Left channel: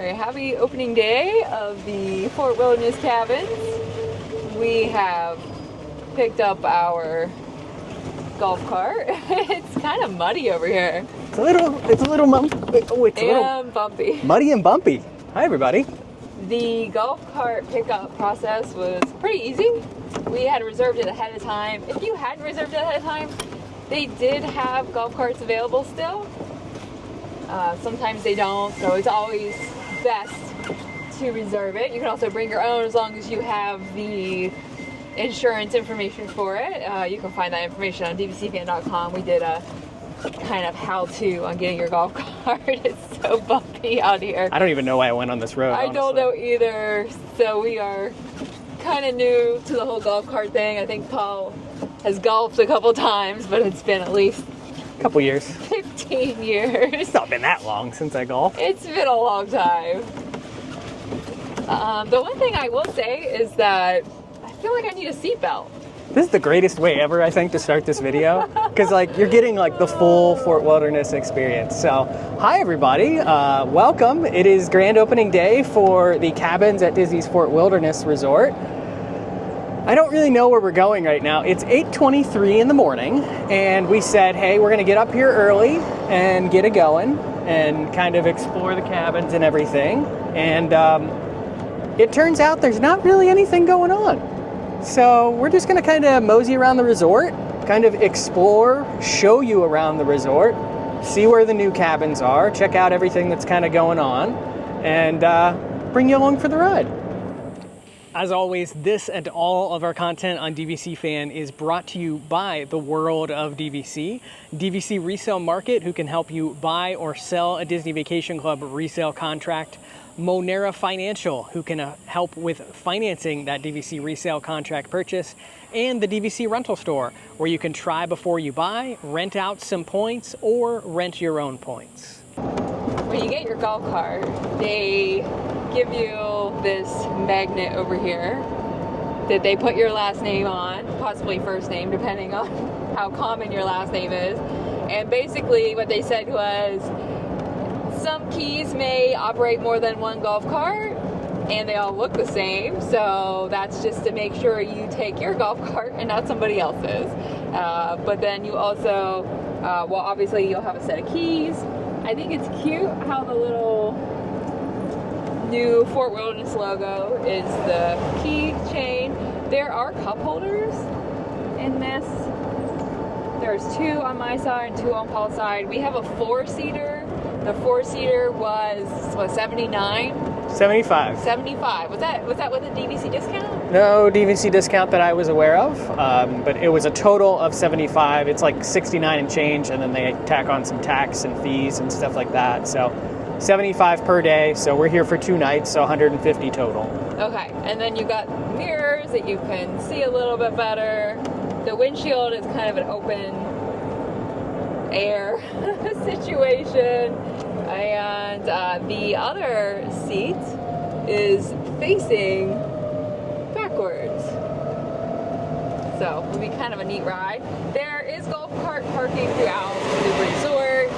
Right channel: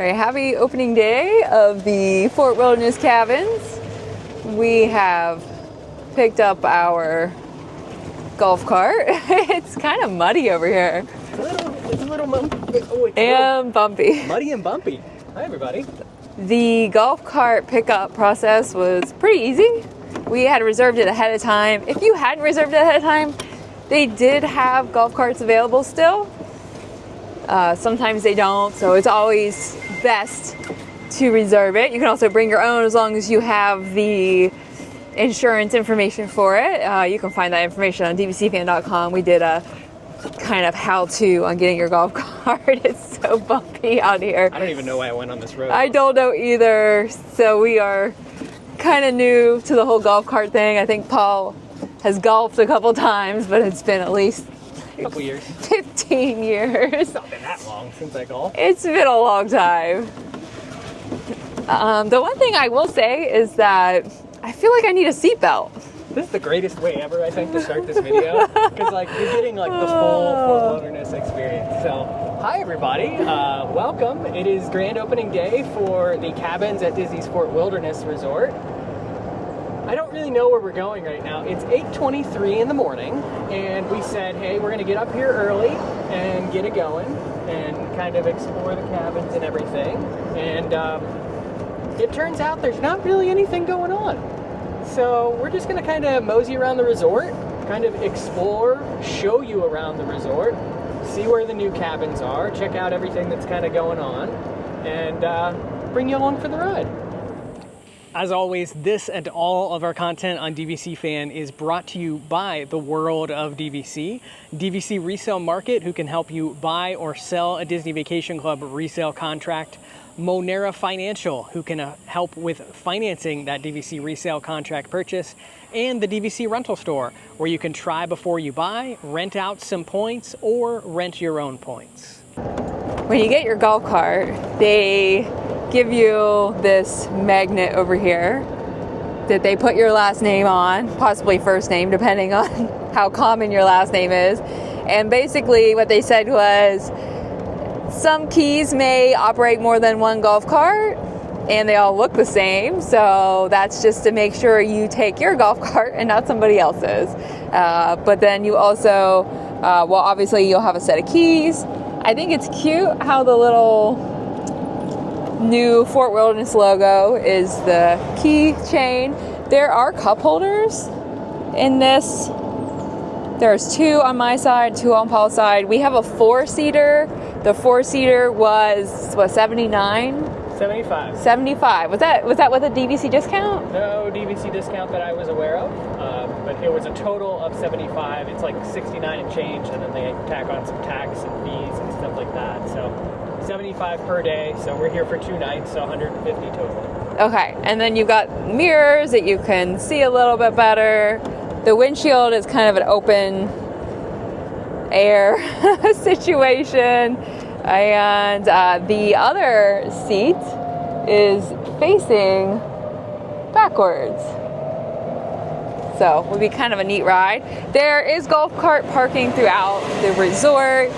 Alright, happy opening day of the Fort Wilderness Cabins. We have picked up our golf cart. It's kind of muddy over here. It's a little Bumpy. Muddy and bumpy. Hi everybody. The golf cart pickup process was pretty easy. We had reserved it ahead of time. If you hadn't reserved it ahead of time, they did have golf carts available still. Sometimes they don't, so it's always best to reserve it. You can also bring your own as long as you have the insurance information for it. You can find that information on dvcfan.com. We did a kind of how-to on getting your golf cart. It's so bumpy out here. I don't even know why I went on this road. I don't know either. So we are kind of new to the whole golf cart thing. I think Paul has golfed a couple times, but it's been at least a couple years. 15 years. It's not been that long since I golfed. It's been a long time. The one thing I will say is that I feel like I need a seatbelt. This is the greatest way ever, I think, to start this video. Because you're getting the full Fort Wilderness experience. So, hi everybody, welcome. It is grand opening day for the cabins at Disney's Fort Wilderness Resort. I don't really know where we're going right now. It's 8:23 in the morning, and we said, hey, we're gonna get up here early and get it going and kind of explore the cabins and everything. And it turns out there's not really anything going on. So we're just gonna kind of mosey around the resort, kind of explore, show you around the resort, see where the new cabins are, check out everything that's kind of going on, and bring you along for the ride. As always, this and all of our content on DVC Fan is brought to you by the world of DVC. DVC Resale Market, who can help you buy or sell a Disney Vacation Club resale contract. Monera Financial, who can help with financing that DVC resale contract purchase. And the DVC Rental Store, where you can try before you buy, rent out some points, or rent your own points. When you get your golf cart, they give you this magnet over here that they put your last name on, possibly first name, depending on how common your last name is. And basically what they said was, some keys may operate more than one golf cart, and they all look the same, so that's just to make sure you take your golf cart and not somebody else's. But then you also, well, obviously you'll have a set of keys. I think it's cute how the little new Fort Wilderness logo is the key chain. There are cup holders in this. There's 2 on my side, 2 on Paul's side. We have a 4-seater. The 4-seater was, what, 79? 75. 75. Was that with a DVC discount? No DVC discount that I was aware of, but it was a total of 75. It's like 69 and change, and then they tack on some tax and fees and stuff like that. So 75 per day. So we're here for 2 nights, so 150 total. Okay, and then you got mirrors that you can see a little bit better. The windshield is kind of an open air situation, and the other seat is facing backwards. So it will be kind of a neat ride. There is golf cart parking throughout the resort,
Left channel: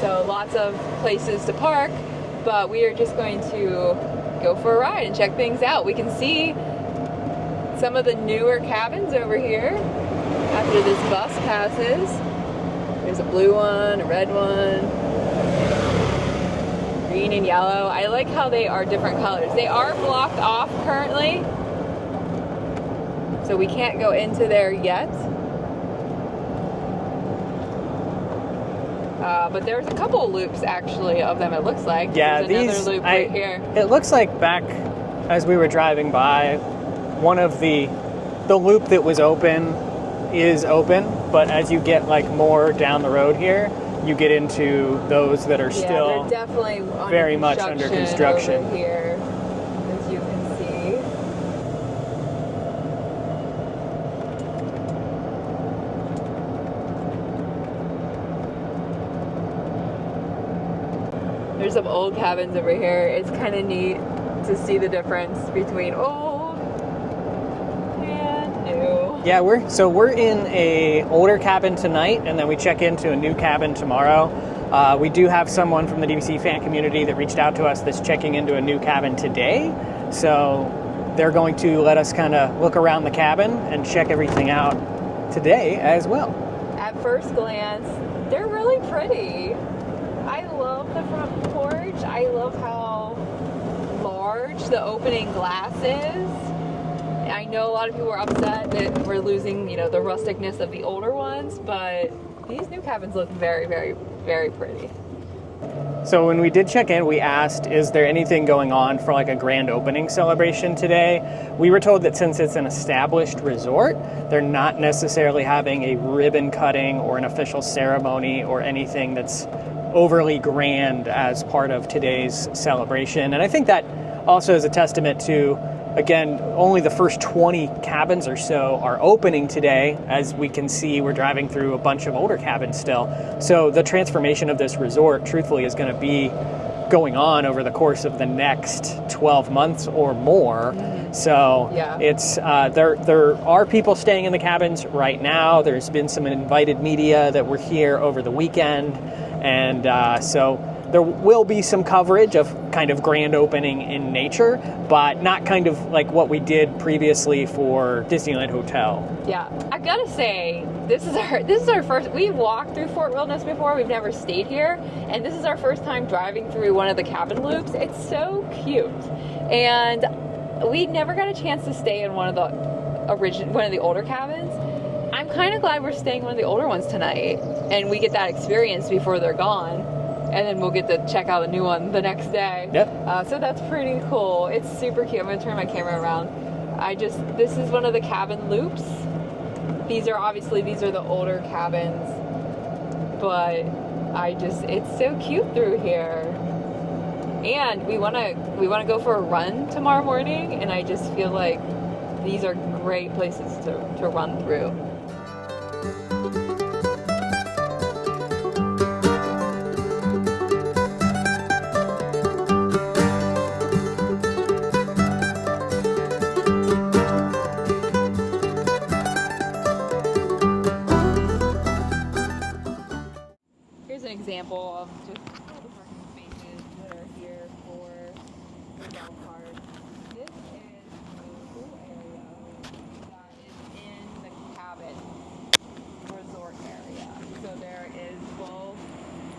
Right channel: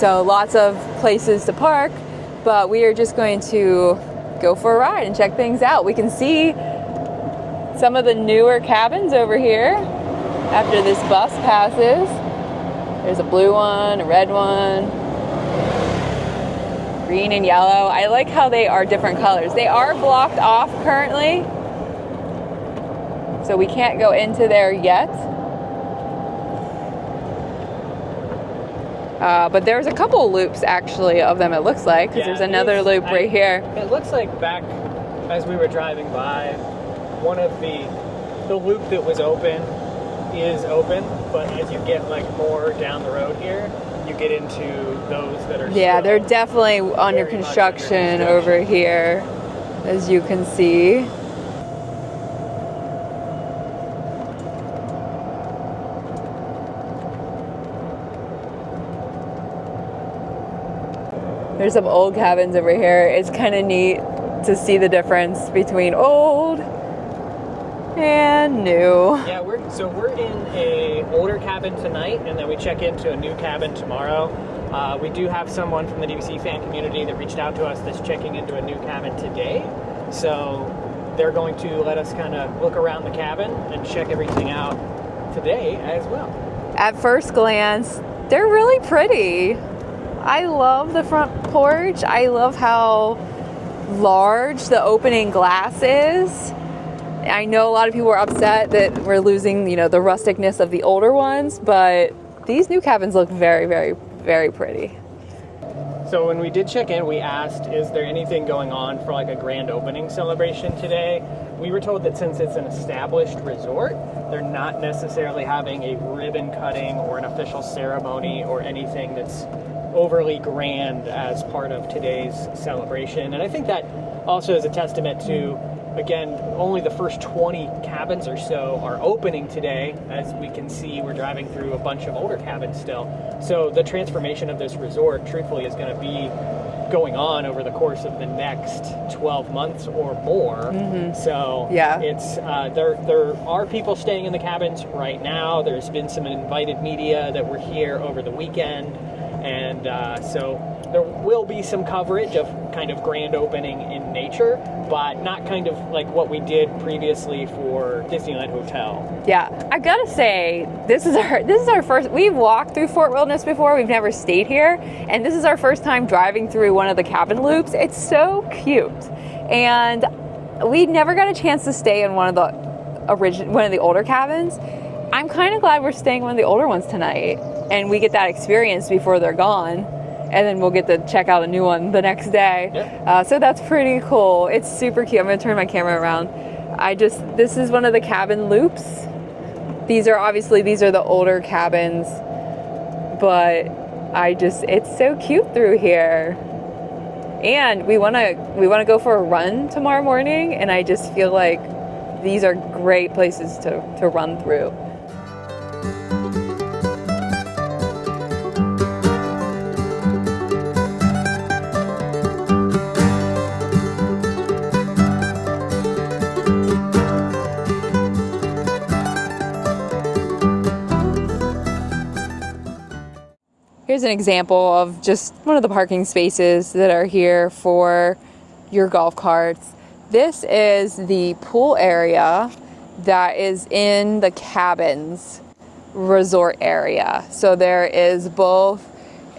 so lots of places to park, but we are just going to go for a ride and check things out. We can see some of the newer cabins over here after this bus passes. There's a blue one, a red one, green and yellow. I like how they are different colors. They are blocked off currently, so we can't go into there yet. But there's a couple loops actually of them, it looks like. Yeah, there's another loop right here. It looks like back as we were driving by, one of the loop that was open is open, but as you get more down the road here, you get into those that are still they're definitely under construction over here, as you can see. There's some old cabins over here. It's kind of neat to see the difference between old and new. Yeah, we're in a older cabin tonight, and then we check into a new cabin tomorrow. We do have someone from the DVC fan community that reached out to us that's checking into a new cabin today. So they're going to let us kind of look around the cabin and check everything out today as well. At first glance, they're really pretty. I love the front porch. I love how large the opening glass is. I know a lot of people are upset that we're losing, you know, the rusticness of the older ones, but these new cabins look very, very, very pretty. So when we did check in, we asked, is there anything going on for like a grand opening celebration today? We were told that since it's an established resort, they're not necessarily having a ribbon cutting or an official ceremony or anything that's overly grand as part of today's celebration. And I think that also is a testament to, again, only the first 20 cabins or so are opening today. As we can see, we're driving through a bunch of older cabins still. So the transformation of this resort, truthfully, is going to be going on over the course of the next 12 months or more. So yeah, it's there are people staying in the cabins right now. There's been some invited media that were here over the weekend. And so there will be some coverage of kind of grand opening in nature, but not kind of like what we did previously for Disneyland Hotel. Yeah, I gotta say, this is our first. We've walked through Fort Wilderness before. We've never stayed here, and this is our first time driving through one of the cabin loops. It's so cute, and we never got a chance to stay in one of the older cabins. I'm kind of glad we're staying in one of the older ones tonight, and we get that experience before they're gone, and then we'll get to check out a new one the next day. Yeah. So that's pretty cool. It's super cute. I'm gonna turn my camera around. This is one of the cabin loops. These are the older cabins, but it's so cute through here. And we wanna go for a run tomorrow morning, and I just feel like these are great places to run through. Here's an example of just one of the parking spaces that are here for your golf carts. This is the pool area that is in the cabins resort area. So there is both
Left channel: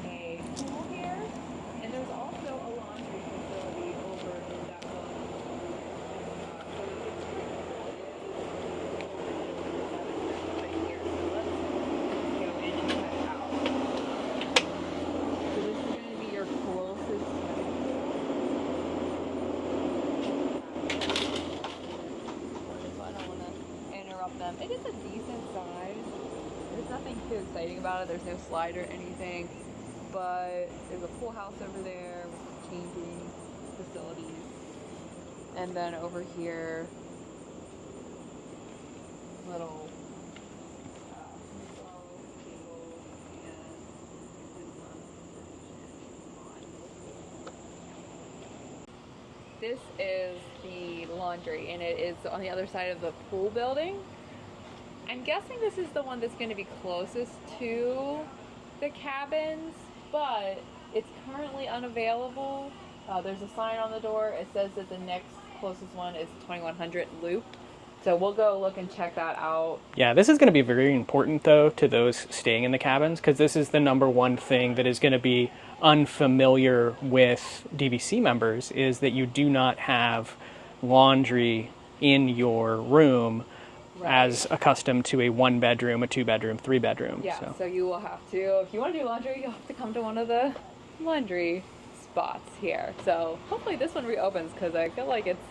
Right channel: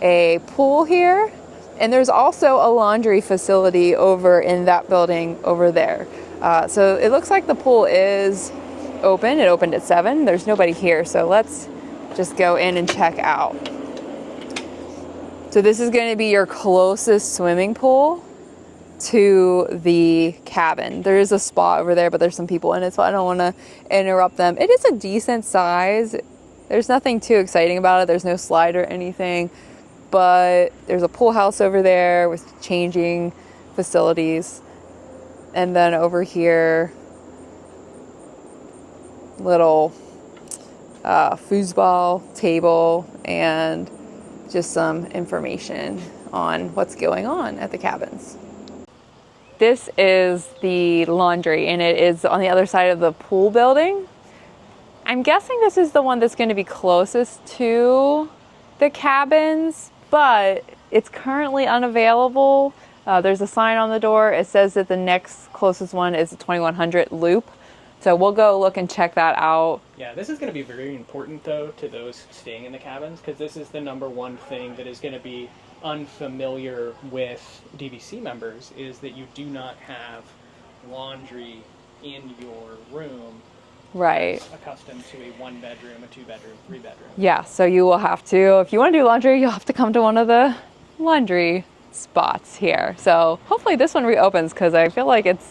a pool here, and there's also a laundry facility over in that building over there. So it looks like the pool is open. It opened at 7. There's nobody here, so let's just go in and check out. So this is going to be your closest swimming pool to the cabin. There is a spot over there, but there's some people in it, so I don't want to interrupt them. It is a decent size. There's nothing too exciting about it. There's no slide or anything, but there's a pool house over there with changing facilities. And then over here, little foosball table and just some information on what's going on at the cabins. This is the laundry, and it is on the other side of the pool building. I'm guessing this is the one that's going to be closest to the cabins, but it's currently unavailable. There's a sign on the door. It says that the next closest one is the 2100 loop. So we'll go look and check that out. Yeah, this is going to be very important, though, to those staying in the cabins, because this is the number one thing that is going to be unfamiliar with DVC members, is that you do not have laundry in your room, right, as accustomed to a 1-bedroom, a 2-bedroom, 3-bedroom. Yeah, so you will have to, if you want to do laundry, you'll have to come to one of the laundry spots here. So hopefully this one reopens, because I feel like it's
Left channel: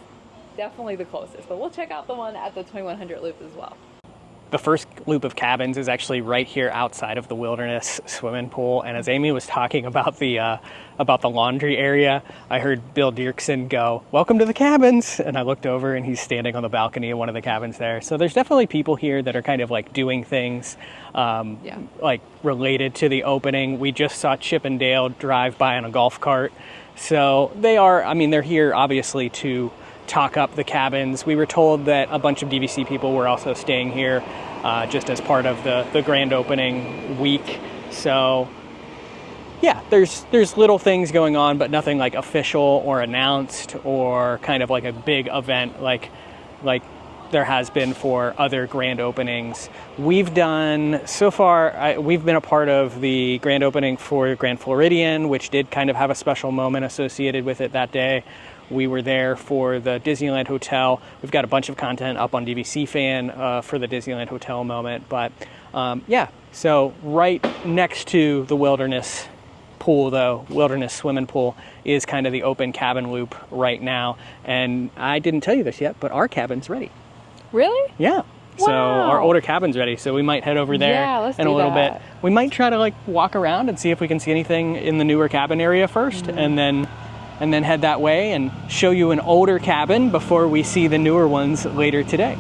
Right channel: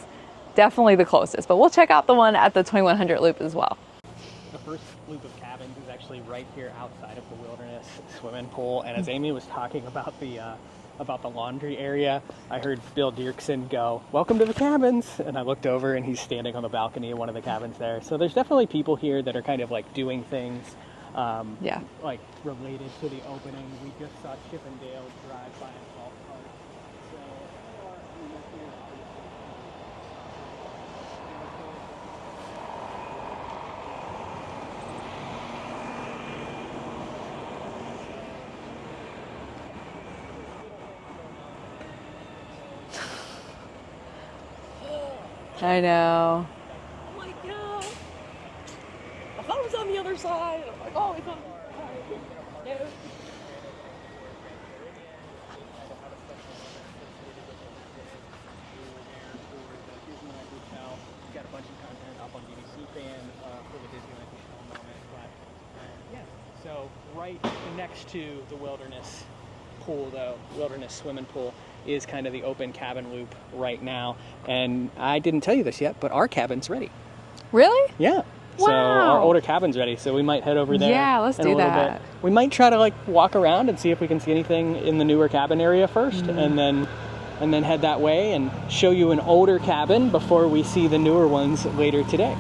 definitely the closest, but we'll check out the one at the 2100 loop as well. The first loop of cabins is actually right here outside of the Wilderness swimming pool, and as Amy was talking about the laundry area, I heard Bill Dirksen go, "Welcome to the cabins," and I looked over and he's standing on the balcony of one of the cabins there. So there's definitely people here that are kind of like doing things like related to the opening. We just saw Chip and Dale drive by on a golf cart, so they're here obviously to talk up the cabins. We were told that a bunch of DVC people were also staying here just as part of the grand opening week. So yeah, there's little things going on, but nothing like official or announced or kind of like a big event I know. like there has been for other grand openings. We've done, so far, we've been a part of the grand opening for Grand Floridian, which did kind of have a special moment associated with it that day. We were there for the Disneyland Hotel. We've got a bunch of content up on DVC Fan for the Disneyland Hotel moment. But yeah, so right next to the Wilderness pool, though, Wilderness swimming pool, is kind of the open cabin loop right now. And I didn't tell you this yet, but our cabin's ready. Really? Yeah. Wow. So our older cabin's ready, so we might head over there in a little bit. We might try to like walk around and see if we can see anything in the newer cabin area first, and then head that way and show you an older cabin before we see the newer ones later today.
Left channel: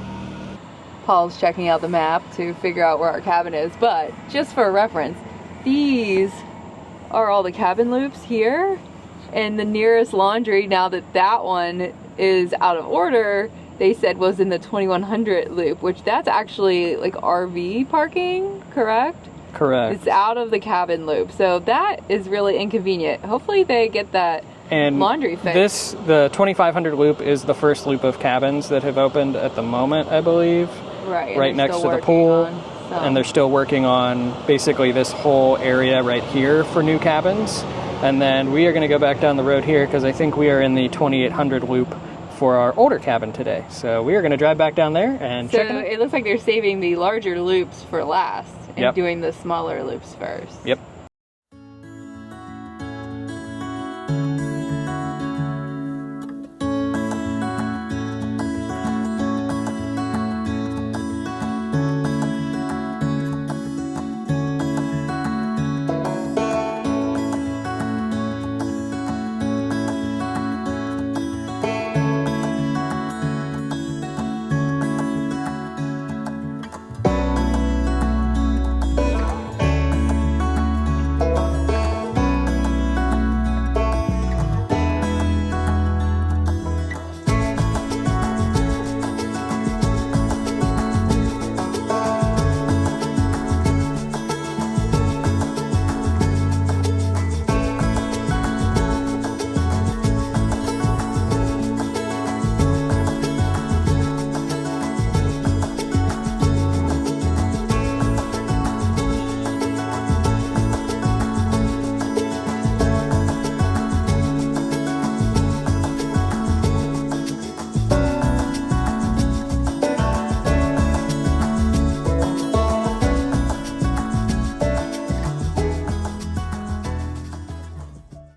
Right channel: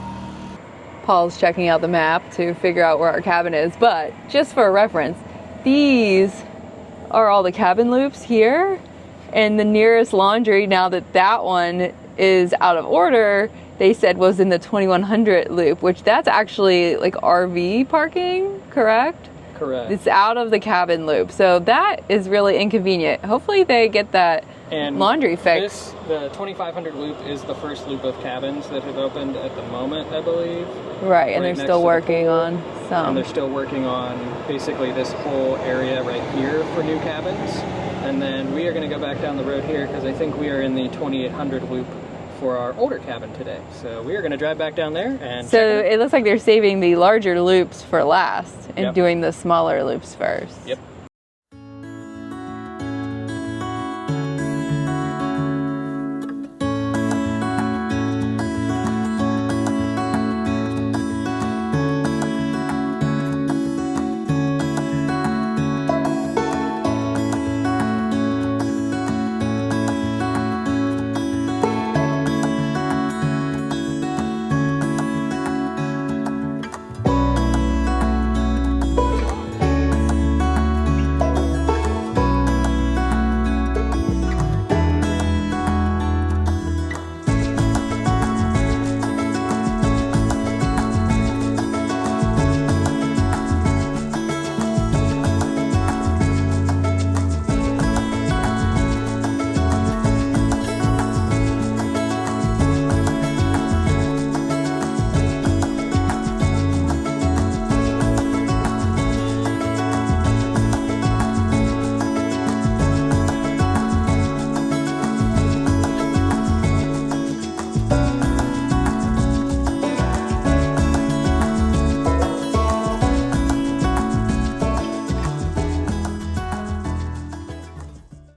Paul's checking out the map to figure out where our cabin is, but just for reference, these are all the cabin loops here, and the nearest laundry, now that one is out of order, they said was in the 2100 loop, which that's actually like RV parking, correct? Correct. It's out of the cabin loop, so that is really inconvenient. Hopefully they get that laundry fixed. The 2500 loop is the first loop of cabins that have opened at the moment, I believe. Right, and right they're next still to working the pool. on some. And they're still working on basically this whole area right here for new cabins. And then we are going to go back down the road here because I think we are in the 2800 loop for our older cabin today. So we are going to drive back down there and so check it looks like they're saving the larger loops for last and Yep. doing the smaller loops first. Yep.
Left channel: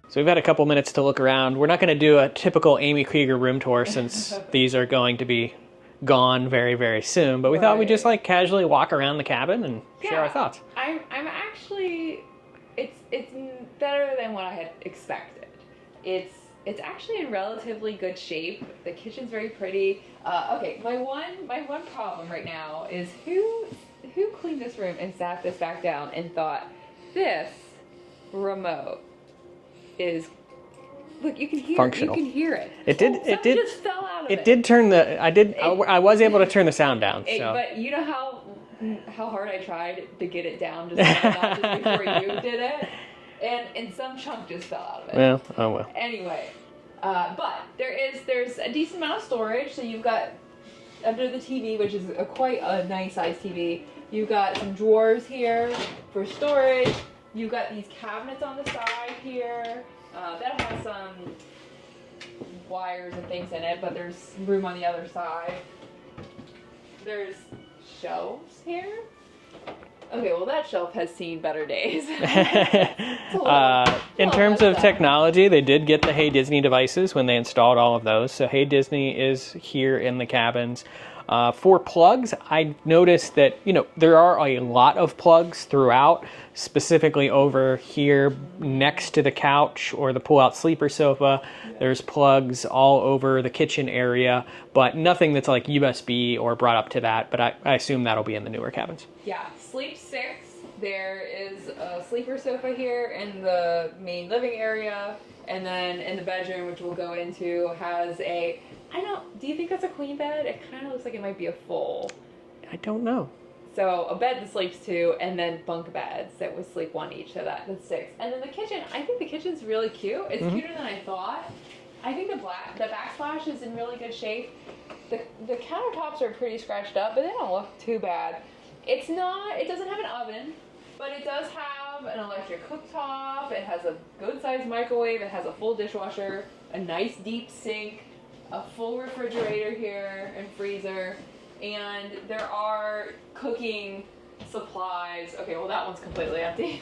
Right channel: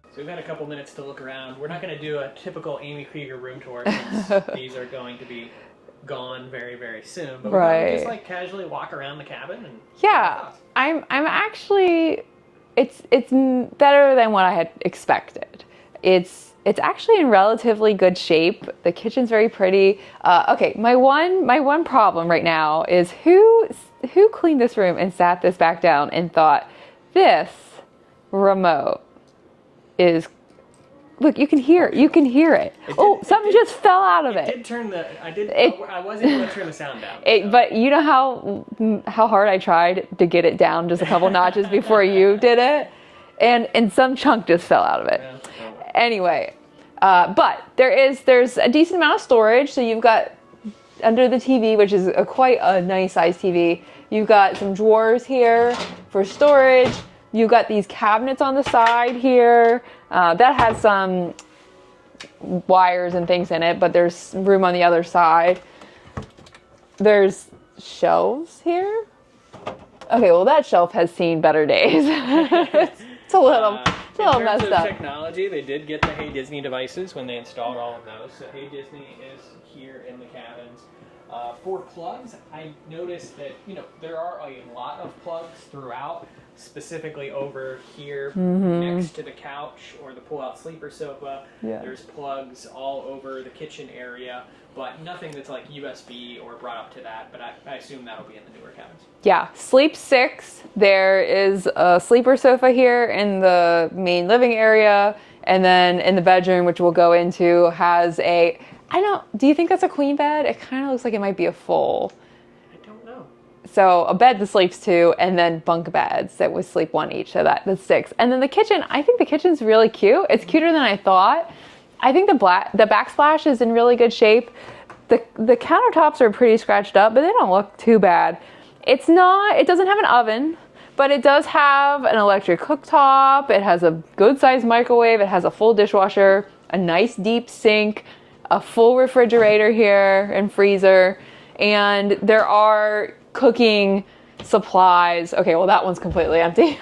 So we've had a couple minutes to look around. We're not going to do a typical Amy Krieger room tour since these are going to be gone very, very soon. But we thought we'd just like casually walk around the cabin and share our thoughts. I'm actually, it's better than what I had expected. It's actually in relatively good shape. The kitchen's very pretty. Okay, my one problem right now is who cleaned this room and sat this back down and thought this remote is, look, you can hear it. You can hear it. Something just fell out of it. It did turn the. I was able to turn the sound down. But you know how hard I tried to get it down just a couple notches before you did it, and some chunk just fell out of it. Yeah. Oh well. Anyway, but there's a decent amount of storage. So you've got under the TV, which is quite a nice size TV. You've got some drawers here for storage. You've got these cabinets on the side here that has some wires and things in it, but there's room on the other side. There's shelves here. Okay, well that shelf has seen better days. It's a little in terms of messed up. technology, they did get the Hey Disney devices when they installed all of those. So Hey Disney is here in the cabins. For plugs, I noticed that, there are a lot of plugs throughout, specifically over here next to the couch or the pull-out sleeper sofa. Yeah. There's plugs all over the kitchen area, but nothing that's like USB or brought up to that, but I assume that'll be in the newer cabins. Yeah, Sleep 6, there is a sleeper sofa here in the main living area, and then in the bedroom, which we'll go into, has a... do you think that's a queen bed? It kind of looks like it might be a full. I don't know. So a bed that sleeps 2, and then bunk beds that would sleep 1 each. So that's 6. And then the kitchen, I think the kitchen's really cute. It's cuter than I thought. I think the backsplash is in really good shape. The countertops are pretty scratched up, but they don't look too bad. It doesn't have an oven, but it does have an electric cooktop. It has a good sized microwave. It has a full dishwasher, a nice deep sink, a full refrigerator here and freezer. And there are cooking supplies. Okay, well that one's completely empty.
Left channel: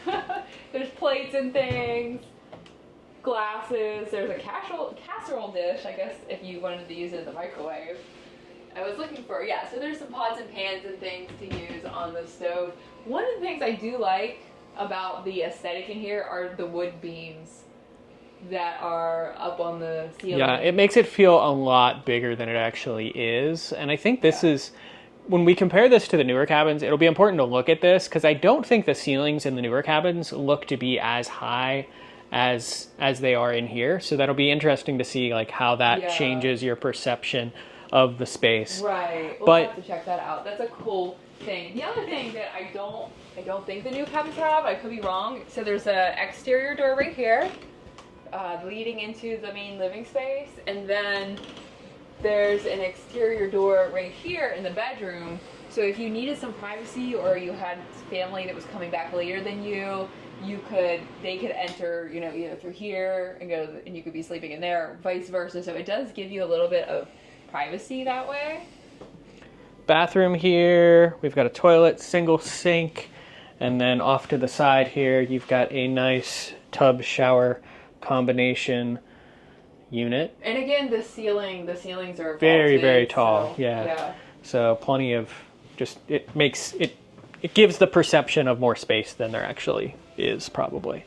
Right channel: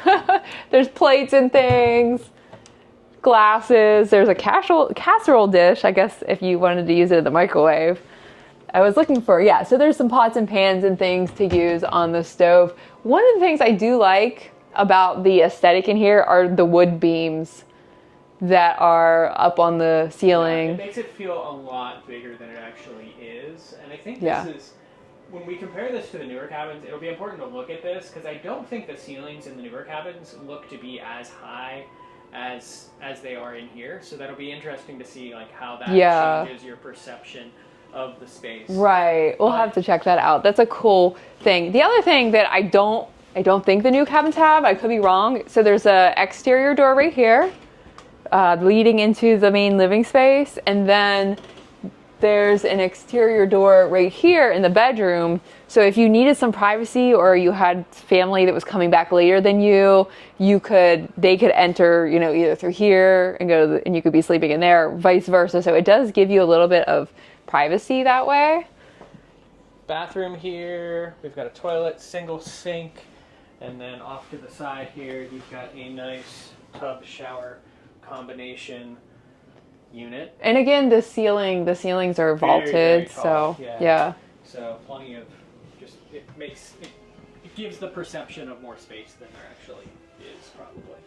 There's plates and things, glasses. There's a casserole dish, I guess if you wanted to use it in the microwave. I was looking for, so there's some pots and pans and things to use on the stove. One of the things I do like about the aesthetic in here are the wood beams that are up on the ceiling. Yeah, it makes it feel a lot bigger than it actually is. And I think this is, when we compare this to the newer cabins, it'll be important to look at this because I don't think the ceilings in the newer cabins look to be as high as they are in here. So that'll be interesting to see like how that changes your perception of the space. Right. We'll have to check that out. That's a cool thing. The other thing that I don't think the new cabins have, I could be wrong. So there's a exterior door right here, leading into the main living space, and then there's an exterior door right here in the bedroom. So if you needed some privacy or you had family that was coming back later than they could enter, either through here and and you could be sleeping in there, vice versa. So it does give you a little bit of privacy that way. Bathroom here, we've got a toilet, single sink, and then off to the side here you've got a nice tub shower combination unit. And again, the ceilings are vaulted, very tall. So, so plenty of it gives the perception of more space than there actually is probably.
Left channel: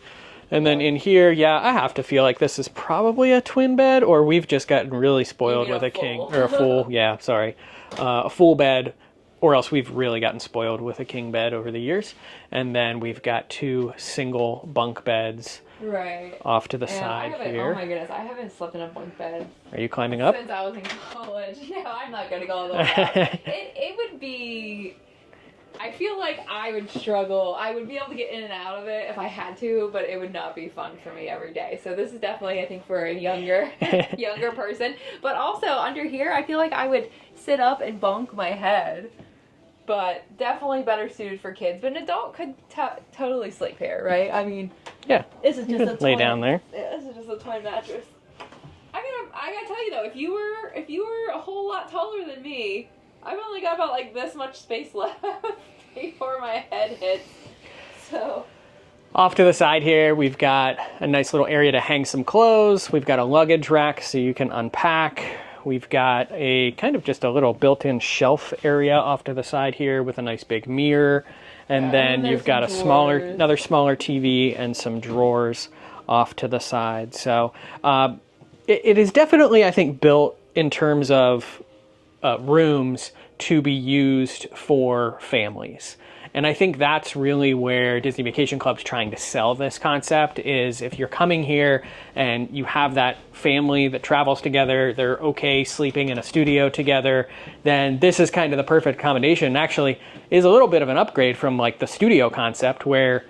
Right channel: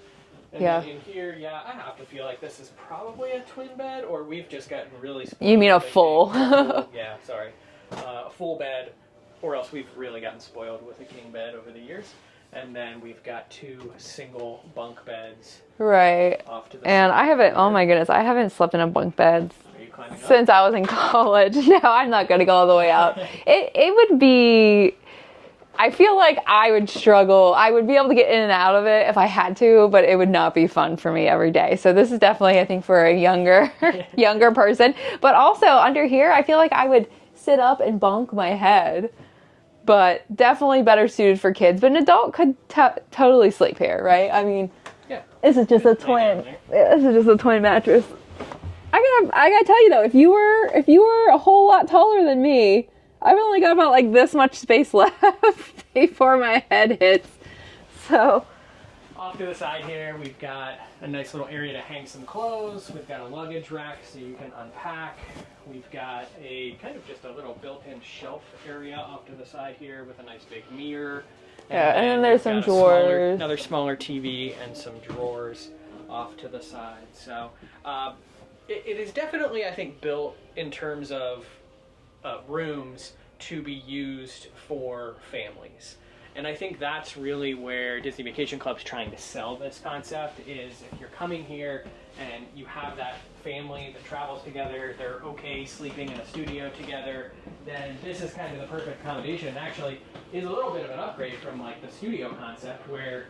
And then in here, I have to feel like this is probably a twin bed, or we've just gotten really spoiled. You mean with a full? King, or a full, a full bed, or else we've really gotten spoiled with a king bed over the years. And then we've got 2 single bunk beds. Right. Off to the side. And I haven't, here. oh my goodness, I haven't slept in a bunk bed. Are you climbing up? Since I was in college. No, I'm not going to go all the way out. It would be, I feel like I would struggle. I would be able to get in and out of it if I had to, but it would not be fun for me every day. So this is definitely, I think, for a younger person. But also under here, I feel like I would sit up and bunk my head. But definitely better suited for kids. But an adult could totally sleep here, right? I mean, this is just a twin. Lay down there. This is just a twin mattress. I gotta tell you though, if you were a whole lot taller than me, I've only got about like this much space left before my head hits. So off to the side here, we've got a nice little area to hang some clothes. We've got a luggage rack so you can unpack. We've got a kind of just a little built-in shelf area off to the side here with a nice big mirror. And then you've got another smaller TV and some drawers off to the side. So it is definitely, I think, built in terms of rooms to be used for families. And I think that's really where Disney Vacation Club's trying to sell this concept is if you're coming here and you have that family that travels together, they're okay sleeping in a studio together, then this is kind of the perfect combination. Actually is a little bit of an upgrade from like the studio concept where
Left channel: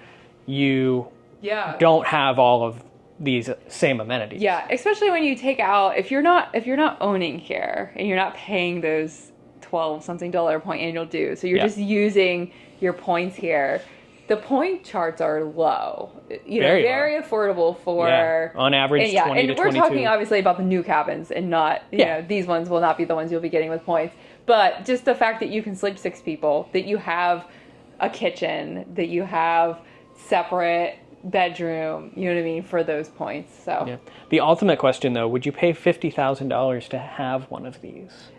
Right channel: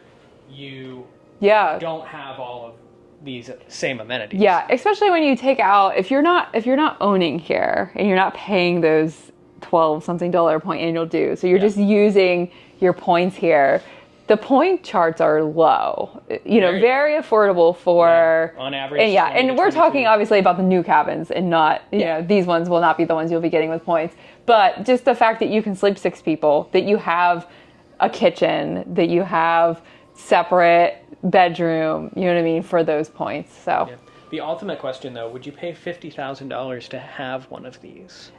you don't have all of these same amenities. Yeah, especially when you take out, if you're not owning here and you're not paying those $12-something point annual dues, so you're just using your points here, the point charts are low. Very affordable for on average. And we're talking obviously about the new cabins and not these ones will not be the ones you'll be getting with points. But just the fact that you can sleep 6 people, that you have a kitchen, that you have separate bedroom, you know what I mean, for those points. So the ultimate question though, would you pay $50,000 to have one of these?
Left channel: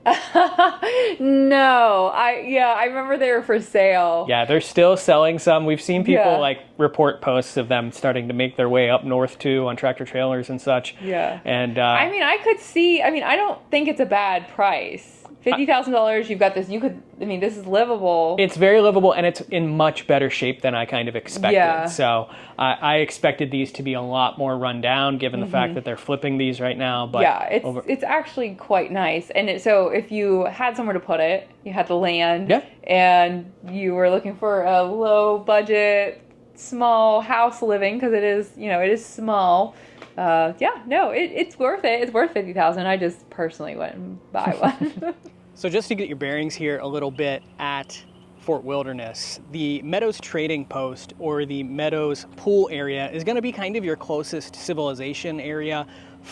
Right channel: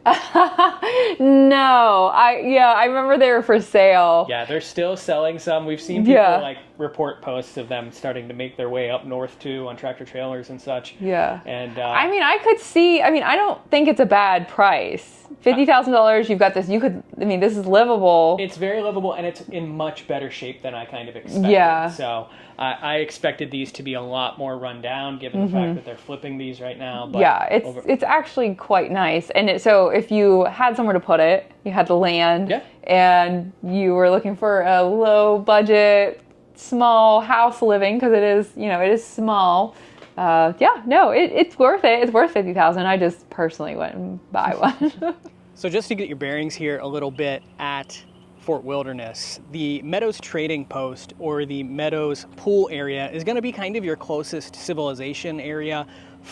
No, I remember they were for sale. Yeah, they're still selling some. We've seen people like report posts of them starting to make their way up north too on tractor trailers and such. Yeah. And I mean, I don't think it's a bad price $50,000, you've got this. This is livable. It's very livable, and it's in much better shape than I kind of expected. Yeah. So I expected these to be a lot more run down, given the fact that they're flipping these right now. But yeah, it's actually quite nice. And so if you had somewhere to put it, you had the land, and you were looking for a low budget, small house living, because it is small. It's worth it. It's worth $50,000. I just personally went and buy one. So just to get your bearings here a little bit at Fort Wilderness, the Meadows trading post, or the Meadows pool area, is going to be kind of your closest civilization area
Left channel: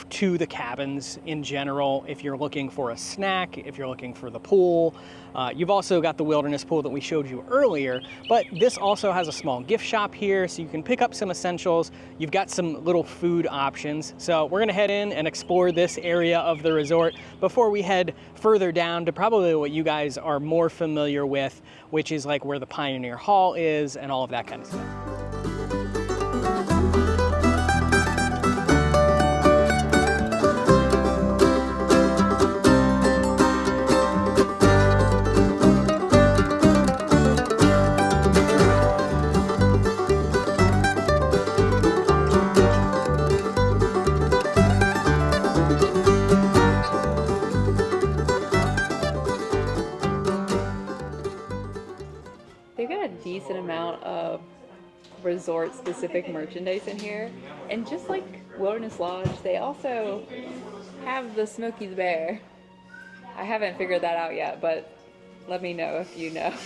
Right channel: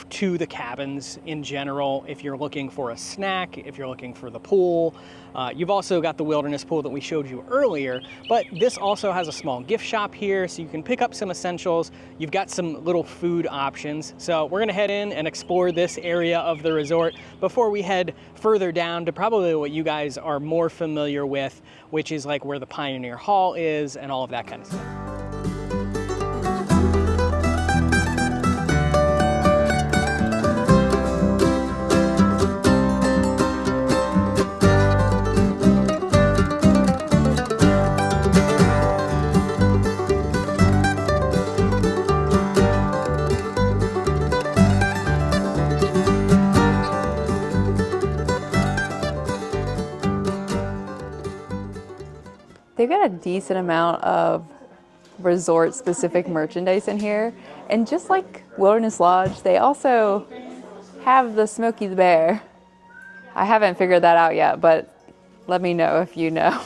to the cabins in general. If you're looking for a snack, if you're looking for the pool, you've also got the wilderness pool that we showed you earlier, but this also has a small gift shop here, so you can pick up some essentials. You've got some little food options. So we're gonna head in and explore this area of the resort before we head further down to probably what you guys are more familiar with, which is like where the Pioneer Hall is and all of that kind of stuff. They've got a decent amount of resort-specific merchandise in here. And just like Wilderness Lodge, they also have the Smokey the Bear. I haven't figured that out yet, but let me know if you know.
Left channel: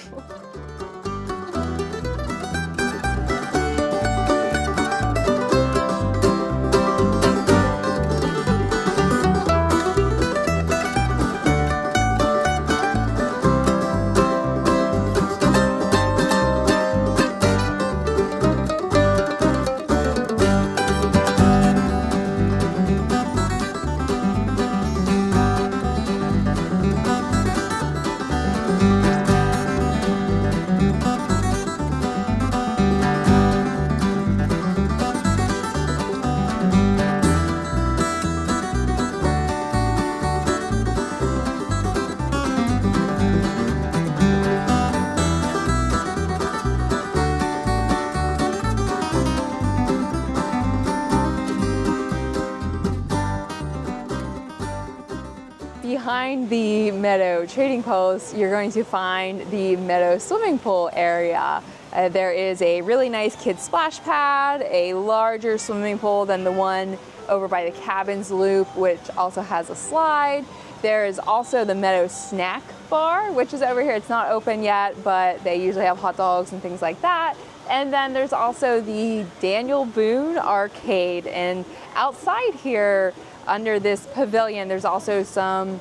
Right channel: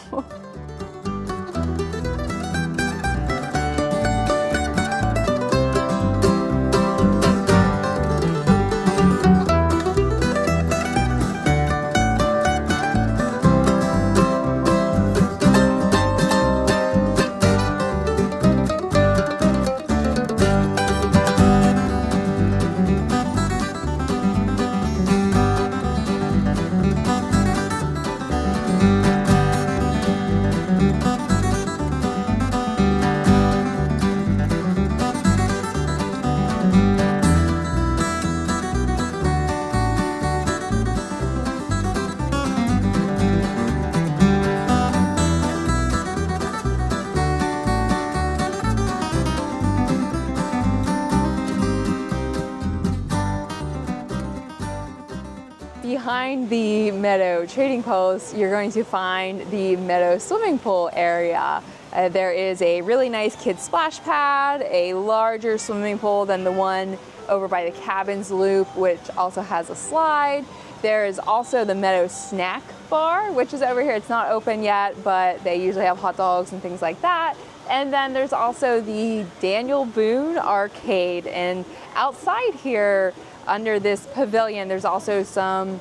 Behind the Meadow trading post, you're going to find the Meadow swimming pool area. There is a really nice kids splash pad, a larger swimming pool than the one over by the Cabins Loop, which also has a slide. There is also the Meadow snack bar, which is over here. It's not open yet, but they usually have hot dogs and things like that. And then there's also the Daniel Boone arcade. And outside here, under this pavilion, there's also some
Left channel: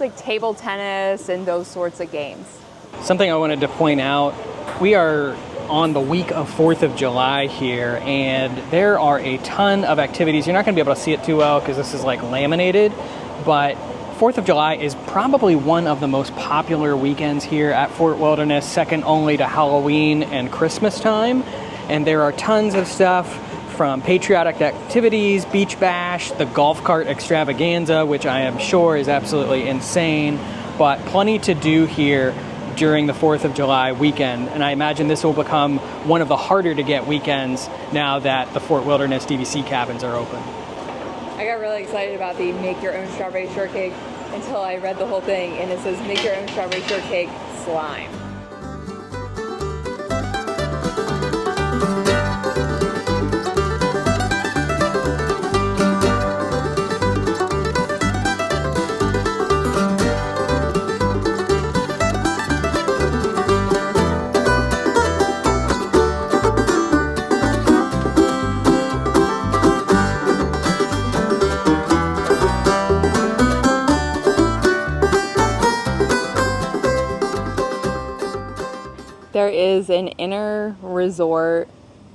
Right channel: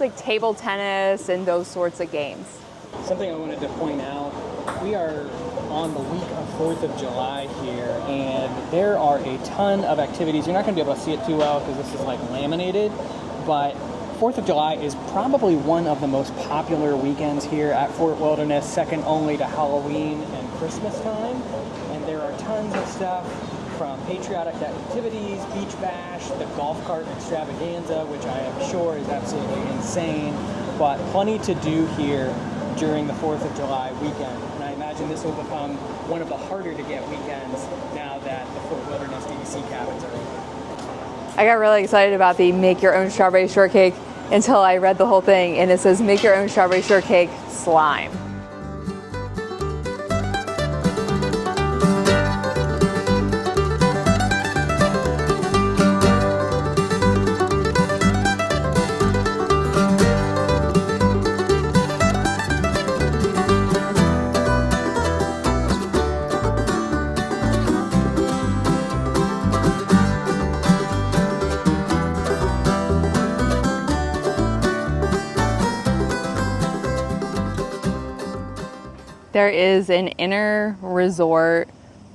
like table tennis and those sorts of games. Something I wanted to point out, we are on the week of 4th of July here, and there are a ton of activities. You're not going to be able to see it too well because this is like laminated, but 4th of July is probably one of the most popular weekends here at Fort Wilderness, second only to Halloween and Christmas time. And there are tons of stuff, from patriotic activities, beach bash, the golf cart extravaganza, which I am sure is absolutely insane, but plenty to do here during the 4th of July weekend. And I imagine this will become one of the harder to get weekends now that the Fort Wilderness DVC cabins are open. I got really excited about the make your own strawberry shortcake until I read the whole thing, and it says make your own strawberry shortcake slime. There is an inner resort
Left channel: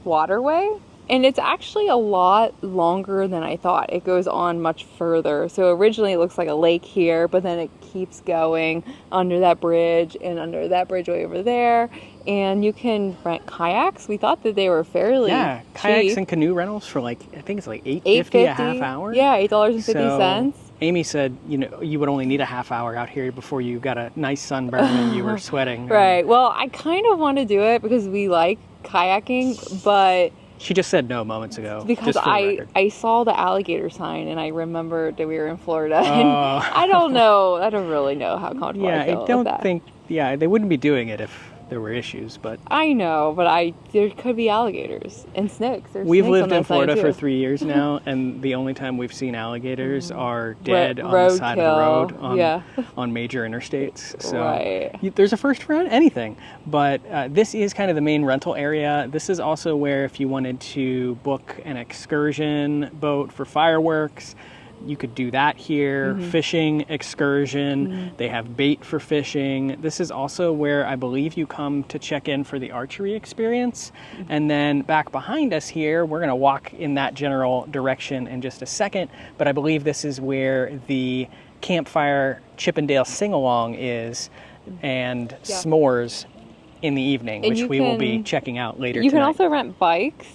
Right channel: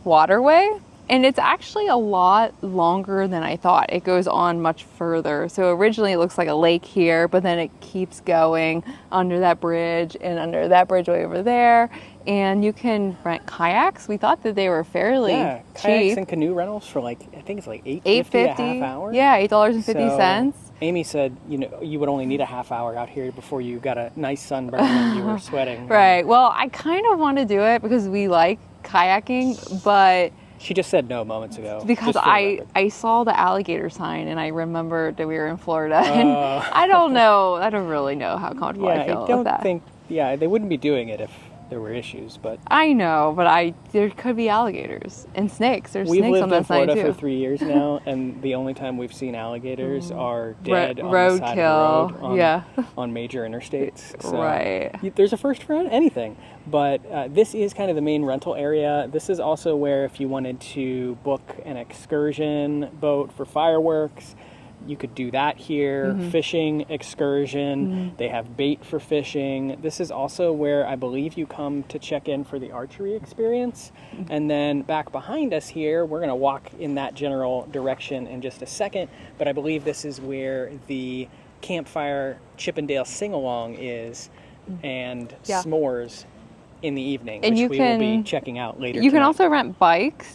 waterway, and it's actually a lot longer than I thought. It goes on much further. So originally it looks like a lake here, but then it keeps going under that bridge and under that bridge way over there. And you can rent kayaks. We thought that they were fairly kayaks cheap. and canoe rentals for like, I think it's like $8.50 a half hour. Yeah, $8.50. So Amy said, you would only need a half hour out here before you got a nice sunburn and you were sweating. Right. Well, I kind of want to do it because we like kayaking, but she just said no moments ago. because I saw the alligator sign and I remembered that we were in Florida, and I don't really know how comfortable I feel with that. They wouldn't be doing it if there were issues, but I know, but there could be alligators and snakes. We've lived in Florida for 3 years now, and the only time we've seen alligators are dead on the side of the road on major interstates. So right. There's a first for anything, but this is kind of the main rental area. This is also where if you wanted to book an excursion boat for fireworks, you could do that here. Fishing excursion. They have bait for fishing. This is also where I believe you come to check in for the archery experience. And then back behind us here, we're going to walk in that general direction in just a second. But I believe this is where the Campfire Chippendale Sing-A-Long is, and s'mores in the evening, which we will be checking out later tonight. You can also rent bikes.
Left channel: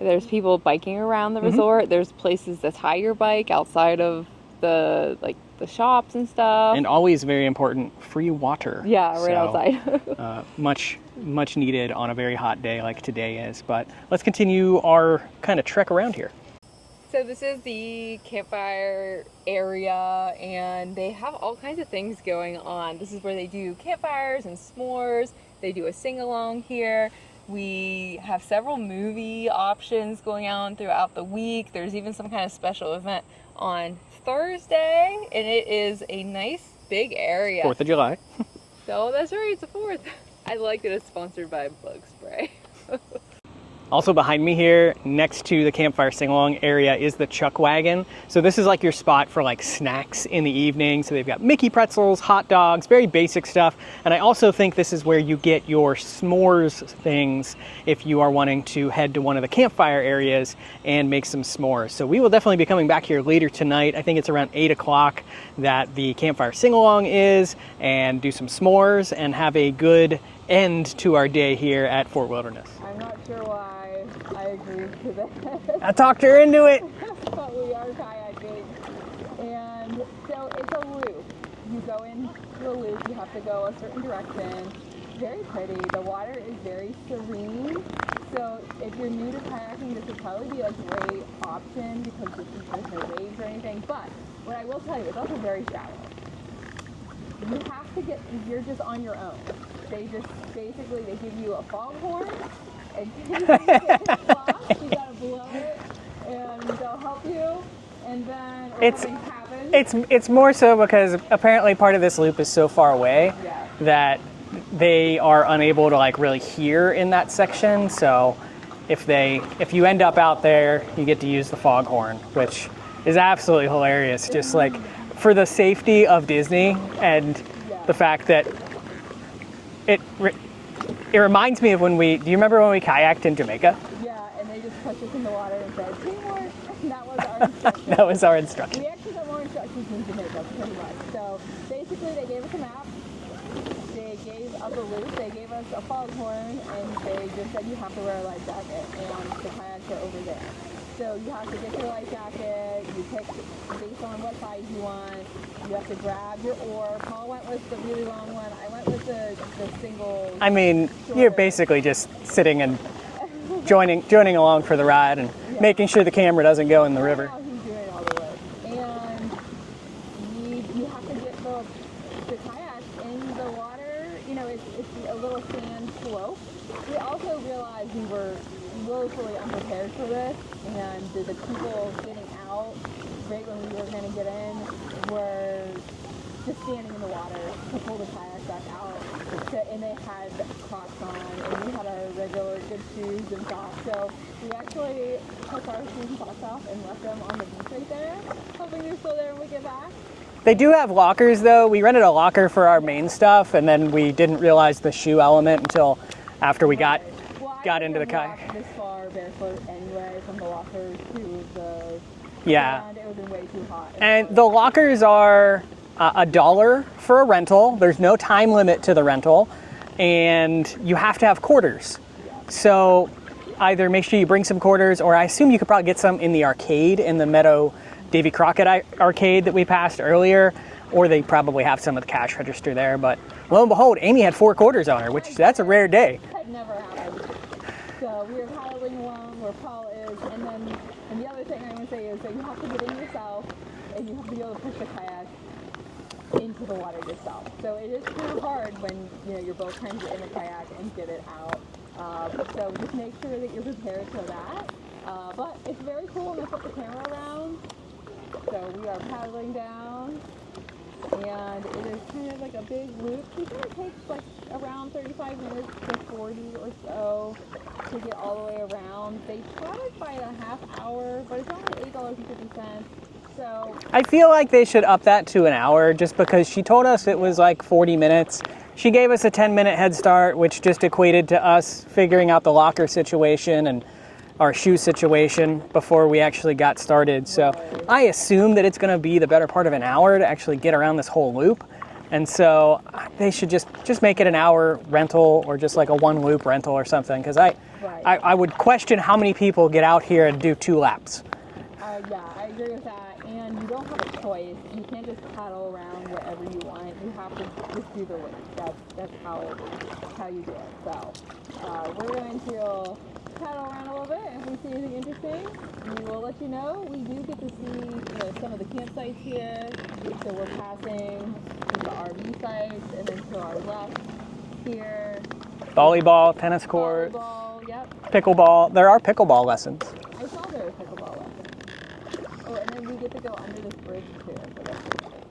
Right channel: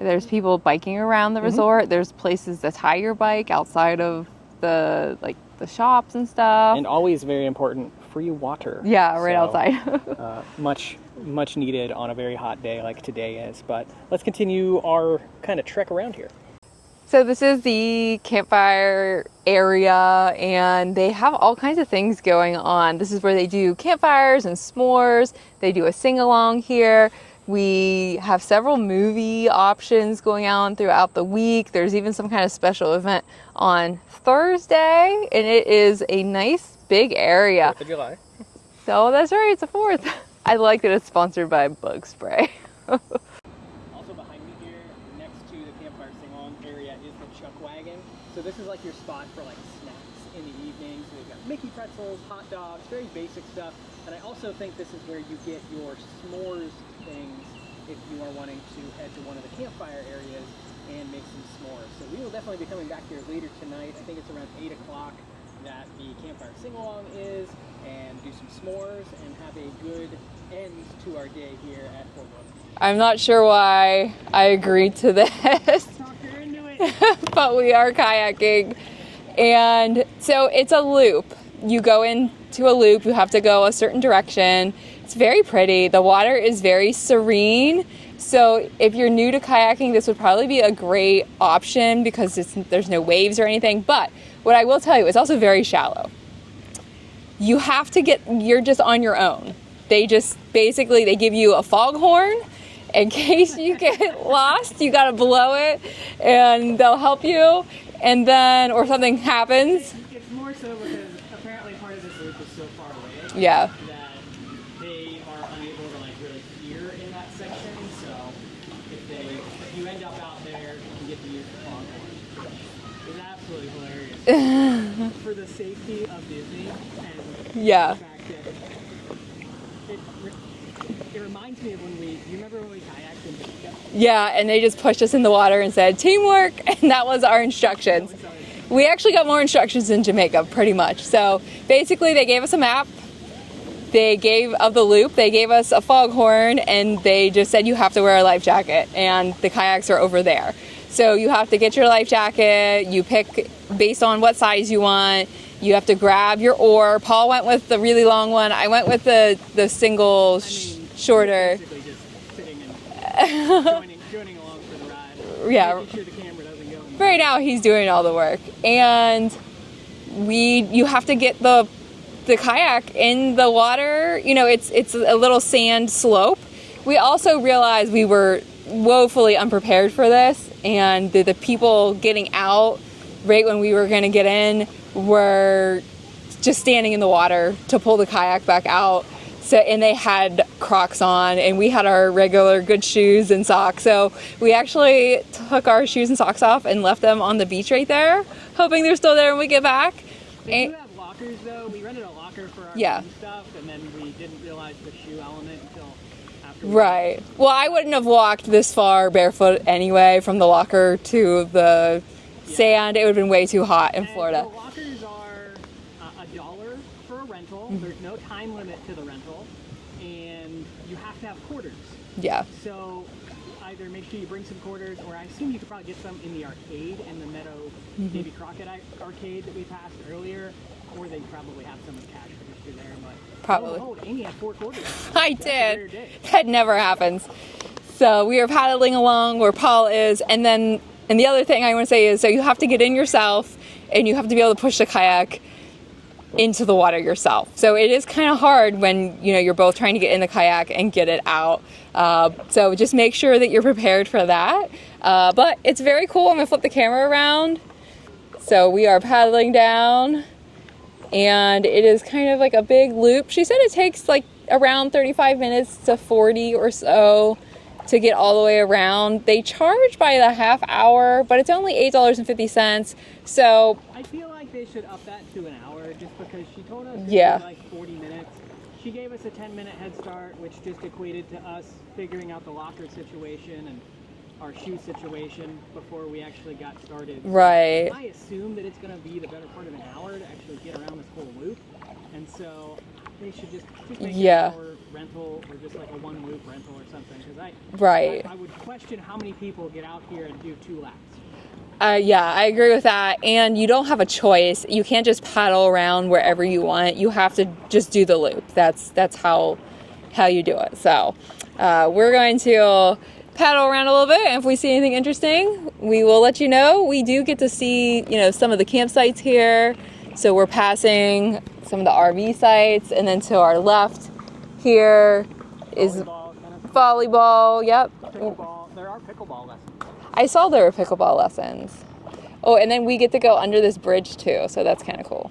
There's people biking around the resort. There's places to tie your bike outside of the shops and stuff. And always very important, free water. Yeah, right outside. much needed on a very hot day like today is. But let's continue our kind of trek around here. So this is the campfire area, and they have all kinds of things going on. This is where they do campfires and s'mores. They do a sing-along here. We have several movie options going on throughout the week. There's even some kind of special event on Thursday, and it is a nice big area. 4th of July. So that's right, it's the 4th. I like that it's sponsored by Bug Spray. Also behind me here, next to the Campfire Sing-A-Long area, is the Chuck Wagon. So this is like your spot for like snacks in the evening. So they've got Mickey pretzels, hot dogs, very basic stuff. And I also think this is where you get your s'mores things if you are wanting to head to one of the campfire areas and make some s'mores. So we will definitely be coming back here later tonight. I think it's around 8 o'clock that the Campfire Sing-A-Long is, and do some s'mores and have a good end to our day here at Fort Wilderness. I'm not sure why I agreed to this. I talked her into it. But we are kayaking. And so it's a loop. You go into a loop, you have to go a certain direction. It's very pretty. The water is very serene. So if you're new to kayaking, this would probably be a great option because there's no waves or anything. But what I will tell you, it's also very shallow. You're just on your own. They give you a foghorn in case you get lost. You gotta blow it and they'll help you. And then, something happens. It's more so because apparently part of this loop is so far away that they are unable to like really hear in that section. So if you end up out there, you get to use the foghorn, which is absolutely hilarious. Just like for the safety of Disney and the fact that it reminds me of do you remember when we kayaked in Jamaica? Yeah, and they just pushed us in the water and said, teamwork, and that was our instructions. That was our instructions. We actually got more instructions in Jamaica, pretty much. So basically they gave us a map, of the loop, they gave us a foghorn, and they just said you have to wear a life jacket, and the kayaks are over there. So you have to get your life jacket, you pick based on what size you want. You have to grab your oar. Paul went with the really long one. I went with the single, shorter. You're basically just sitting and joining along for the ride and making sure the camera doesn't go in the river. Right now, he's doing all the work. And you have to get the kayak in the water. It's a little sand slope. We also realized we were woefully unprepared for this, and the people getting out right when we were going to get in were just standing in the water to pull the kayak back out. And they had Crocs on, and we had our regular good shoes and socks. So we actually took our shoes and socks off and left them on the beach right there, hoping they're still there when we get back. They do have lockers, though. We rented a locker for our main stuff, and then we didn't realize the shoe element until after we got Well, I wouldn't have walked this far barefoot anyway, from the locker to the sand. It would have been way too hot in Florida. And the lockers are $1 for a rental. There's no time limit to the rental. and you have to have quarters. Yeah. So either make sure you bring some quarters, or I assume you could probably get some in the arcade, in the Meadow Davy Crockett arcade that we passed earlier, or they probably have some at the cash register there. But lo and behold, Amy had 4 quarters on her, which that's a rare day. That never happens. So we are paddling along where Paul is, and the other thing I want to say is, so you have to get in yourself, and you have to be able to push the kayak into the water yourself. So it is kind of hard when you're both trying to get in the kayak and get it out. So just make sure that you're prepared for that. But it's very cool. I'm gonna flip the camera around. So we are paddling down, and it is kind of like a big loop. She said it takes like around 35 minutes to 40 or so to get all the way around. They charge by the half hour, but it's only $8.50. So I feel like they should up that to an hour, just because she told us it was like 40 minutes. She gave us a 10-minute head start, which just equated to us figuring out the locker situation and our shoe situation before we actually got started. So I assume that it's going to be the better part of an hour to actually get around this whole loop. And so they should just make it an hour rental, or just like a 1-loop rental or something, because I would question how many people get out here and do 2 laps. Yeah, I agree with that. And you don't have a choice. You can't just paddle around wherever you want. You have to just do the loop. That's how you do it. So we're going to paddle around a little bit, and if we see anything interesting, we will let you know. We do get to see, some of the campsites here. So we're passing some of the RV sites, and then to our left here volleyball, tennis court. Volleyball, yep. Pickleball. There are pickleball lessons. I saw there were pickleball lessons. Oh, and then we get to go under this bridge too, so that's kind of cool.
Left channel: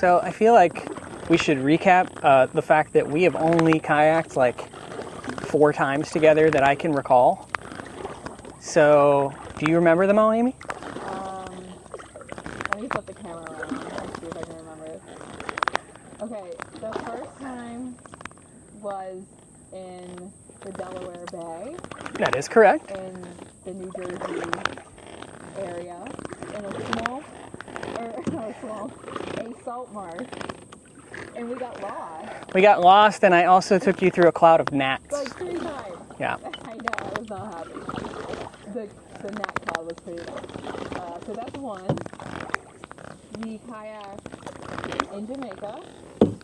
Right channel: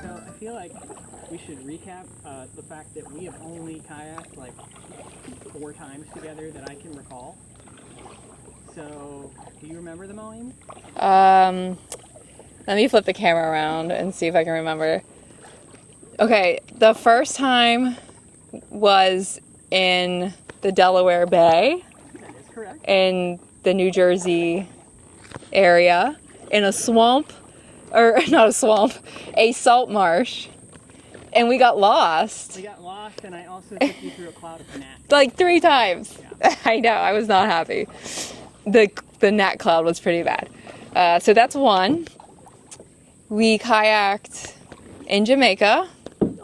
So I feel like we should recap the fact that we have only kayaked like 4 times together that I can recall. So do you remember them all, Amy? Let me flip the camera around and see if I can remember. Okay, the first time was in the Delaware Bay. That is correct. In the New Jersey area, in a swamp, or not a swamp, a salt marsh, and we got lost. We got lost, and I also took you through a cloud of gnats. Like 3 times. Yeah. I know, I was not happy. The gnat cloud was pretty bad. So that's one. We kayaked in Jamaica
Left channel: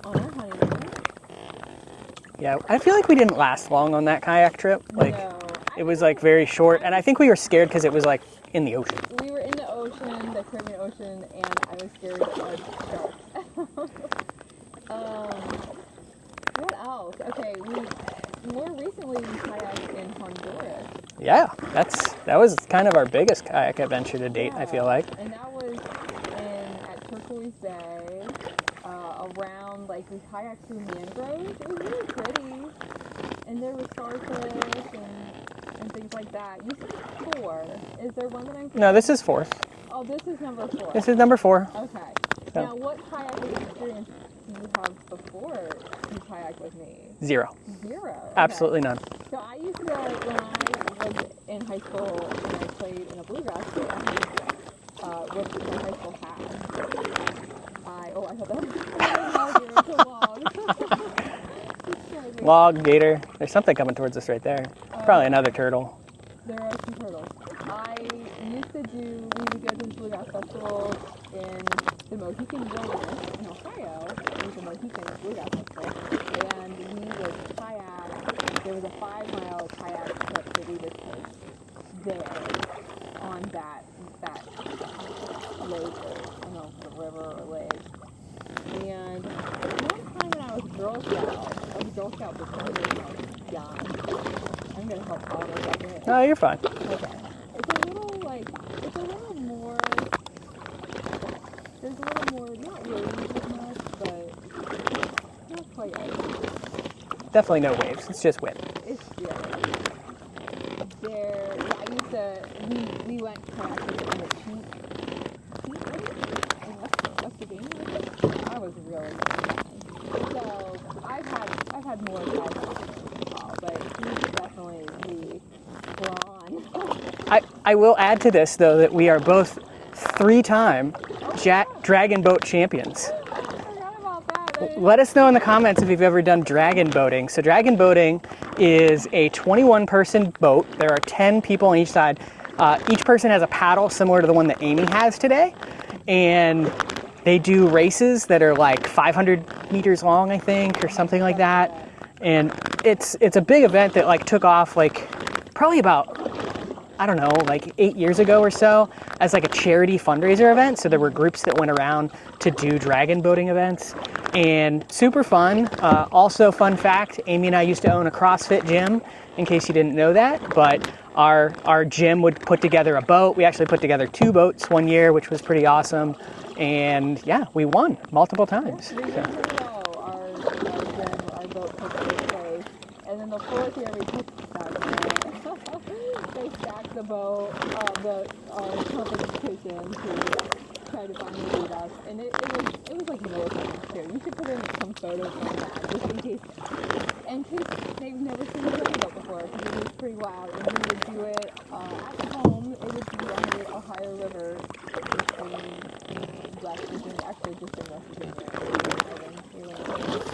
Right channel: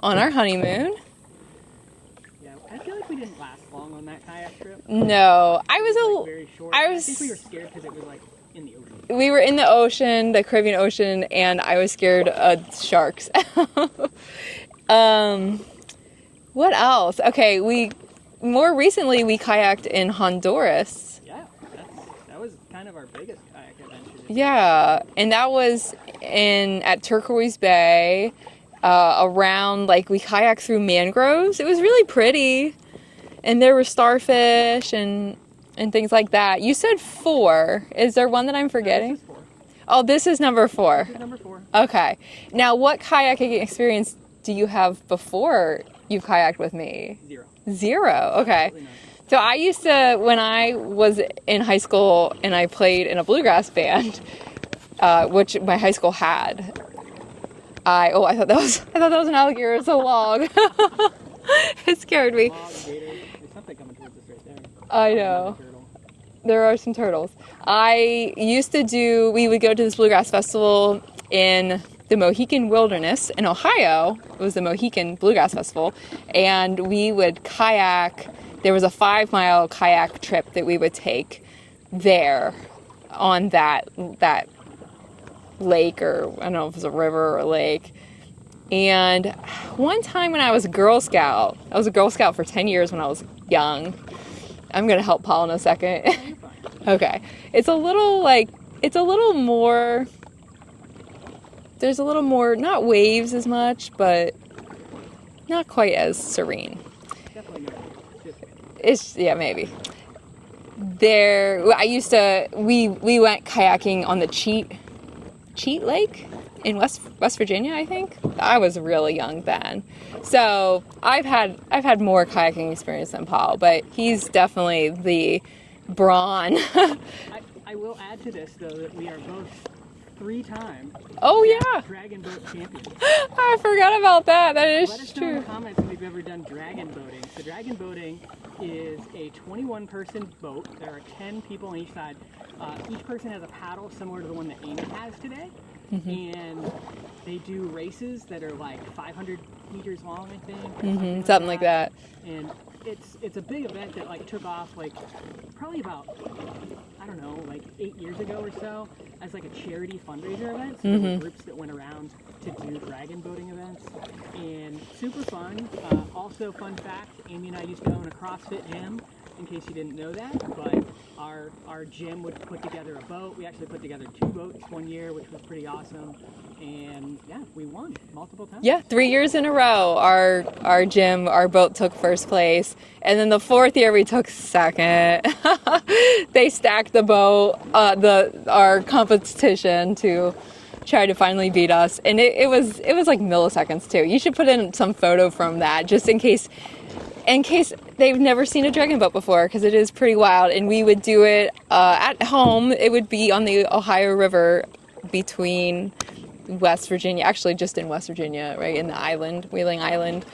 on our honeymoon. Yeah, I feel like we didn't last long on that kayak trip. Like, no, it was like very short, and I think we were scared because it was like in the ocean. We were in the ocean, the Caribbean Ocean, and I was scared of sharks. What else? Okay, more recently we kayaked in Honduras. Yeah, that was kind of our biggest kayak adventure to date. Yeah, I feel like. And that was at Turquoise Bay. Around, like, we kayaked through mangroves. It was really pretty, and there were starfish and things like that. You said 4. Is there one that I'm forgetting? No, this is 4. Oh, this is number 4. This is number 4. Okay. Now, what kayaking experience do you have before you kayaked with me? 0. 0. Okay. Absolutely none. So I used to, when I was in high school and I played in a bluegrass band, which my high school had. I thought that was an alligator. It's a log. It scared me. Log, gator. There's something coming towards us right there. Probably another turtle. There are some turtles. We would go to this bluegrass festival in the Mohican Wilderness in Ohio. It was the Mohican Bluegrass Festival. And we would kayak. There was a 5-mile kayak trip that we would take there on that lake, or I don't know if it was a river or a lake. And one time when I was a Girl Scout, I was a Girl Scout for 10 years when I was young. I'm gonna help Paul in a second. Oh, you're fine. Okay. It's a little more, there's a little more, not waves as much, but not quite as serene. Definitely no waves. It's just wind. Yeah, maybe. we went kayaking on the Cheat Lake in West Virginia, I think. I was really young then. So I've had more kayaking experience than Paul, but he's definitely the brawn. I will add to this though that we are both 3-time dragon boat champions. I forgot about that. Let us know in the comments if you've ever done dragon boating. So dragon boating is a 21-person boat. There are 10 people on each side. Each person has a paddle similar to the one that Amy has today. And they do races that are like 500 meters long, I think, or something like that. And it's a big event that like took off like probably about, I don't know, like 8 years ago or so as like a charity fundraiser event. So there were groups that went around to do dragon boating events, and super fun. Also, fun fact, Amy and I used to own a CrossFit gym, in case you didn't know that, but our gym would put together a boat. We actually put together 2 boats one year, which was pretty awesome. And yeah, we won multiple times. Yeah, 3 years in a row, our boat took first place. And then the 4th year we took second. They stacked the boat, our competition to try to finally beat us. And it was like milliseconds too. You should put in some photo from that just in case they've never seen a dragon boat before, because it is pretty wild. And we would do it at home. It would be on the Ohio River between West Virginia, actually just in West Virginia, right in the island, Wheeling Island.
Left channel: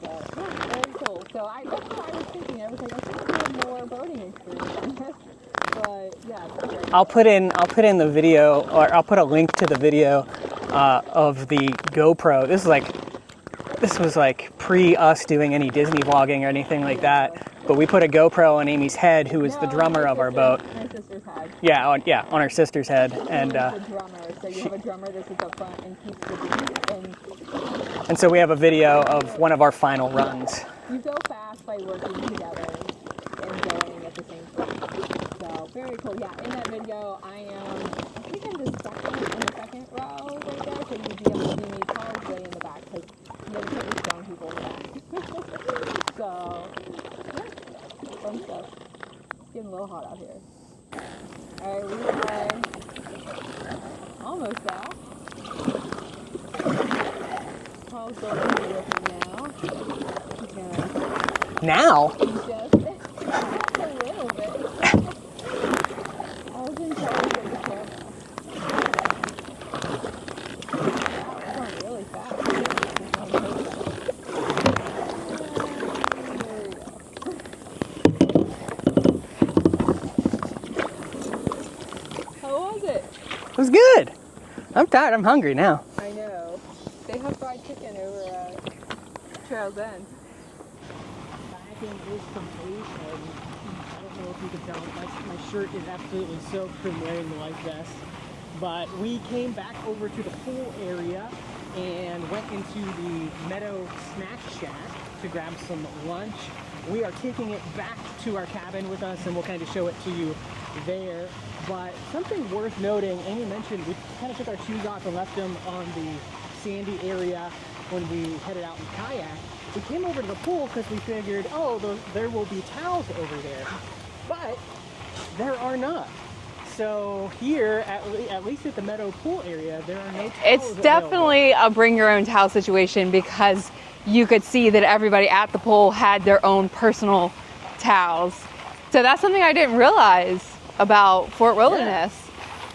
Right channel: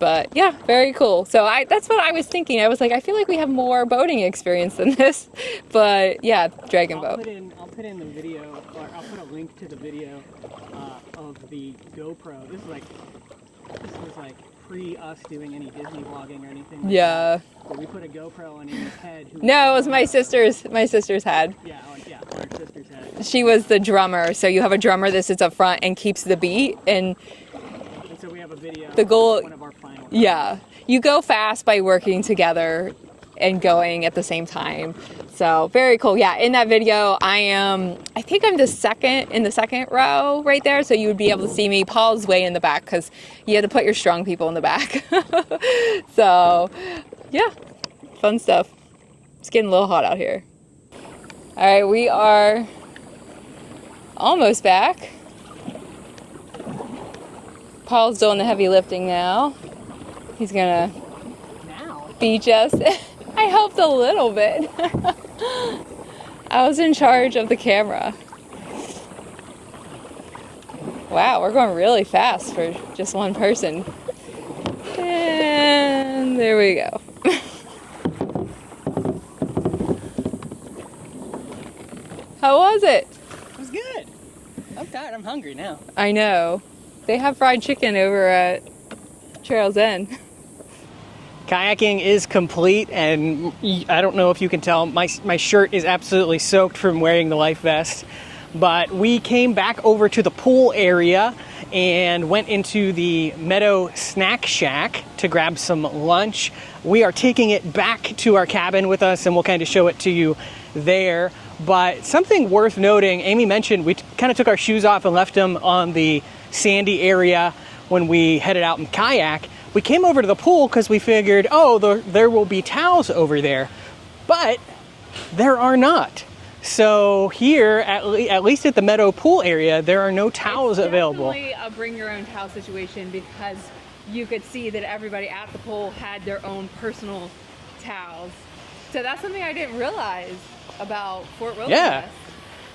But yeah, very cool. So that's what I was thinking. I was like, I feel like we have more boating experience than this. But yeah, dragon boat. I'll put in the video, or I'll put a link to the video of the GoPro. This was like pre us doing any Disney vlogging or anything like that. But we put a GoPro on Amy's head, who was the drummer of our boat. No, it was my sister's head. Yeah, on her sister's head. She was the drummer. So you have a drummer that sits up front and keeps the beat. And so we have a video of one of our final runs. Yeah, you go fast by working together and going at the same time. So very cool. Yeah, in that video, I think I'm in the second row right there. So you would be able to see me. Paul's way in the back because you had to put your strong people in the back. So yeah, fun stuff. It's getting a little hot out here. All right, we are almost back. Paul's doing the heavy lifting now. He's gonna beach us. I helped a little bit. I was in charge of the camera. Wow, we're going really fast for just one person. And there we go. How was it? It was good. I'm tired. I'm hungry now. I know. They have fried chicken over at Trail's End. Kayaking is complete, and I don't know if you can tell, my shirt is absolutely soaked from wearing the life vest. But we came back over to the pool area and went into the Meadow snack shack to grab some lunch. We are taking it back to our cabin with us, and we'll kind of show it to you there. But something worth noting, Amy mentioned we kind of took our shoes off and left them on the sandy area when we headed out in kayak. We came over to the pool because we figured, there will be towels over there, but there are not. So here, at least at the Meadow pool area, there are no towels available. It's definitely a bring your own towel situation, because you could see that everybody at the pool had their own personal towels. So that's something I didn't realize about Fort Wilderness. Yeah.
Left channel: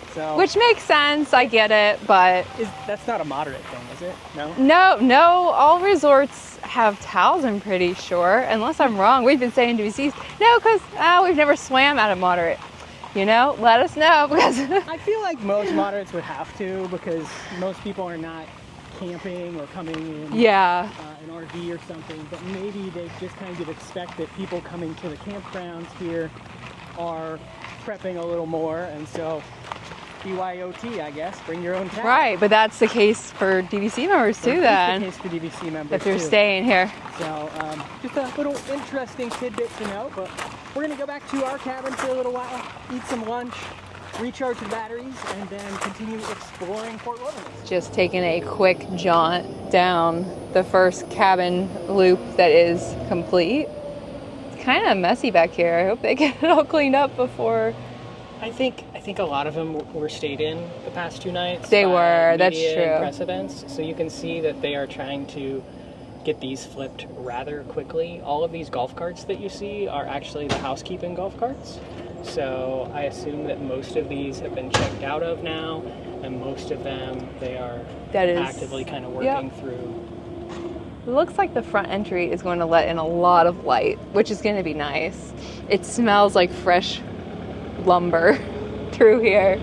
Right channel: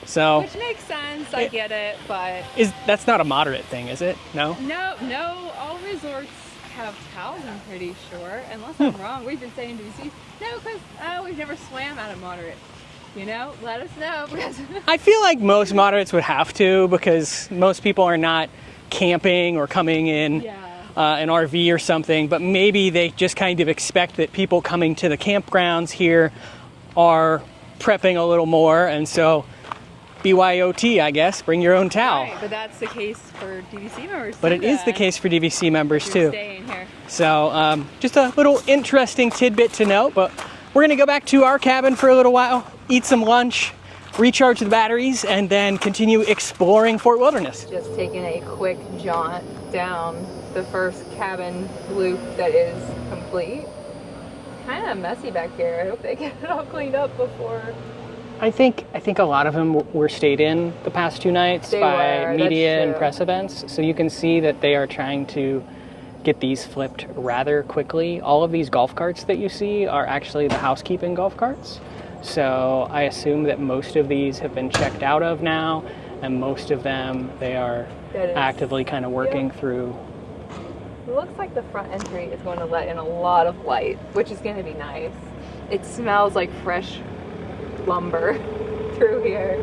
So, which makes sense, I get it, but that's not a moderate thing, is it? No? No, all resorts have towels, I'm pretty sure, unless I'm wrong. We've been saying DVCs. No, because we've never swam at a moderate. Let us know, because I feel like most moderates would have to, because most people are not camping or coming in an RV or something, but maybe they just kind of expect that people coming to the campgrounds here are prepping a little more, and so BYOT, I guess, bring your own towel. Right, but that's the case for DVC members too. But it is the case for DVC members if you're staying here. So just a little interesting tidbit to note, but we're gonna go back to our cabin for a little while, eat some lunch, recharge the batteries, and then continue exploring Fort Wilderness. Just taking a quick jaunt down the first cabin loop that is complete. kind of messy back here. I hope they get it all cleaned up before. I think a lot of them were stayed in the past 2 nights by media and press events. So you can see that they are trying to get these flipped rather quickly. All of these golf carts that you see are actually the housekeeping golf carts. So I assume that most of these have been checked out of now, and most of them they are actively kind of working through. It looks like the front entry is going to let in a lot of light, which is going to be nice. It smells like fresh lumber through here.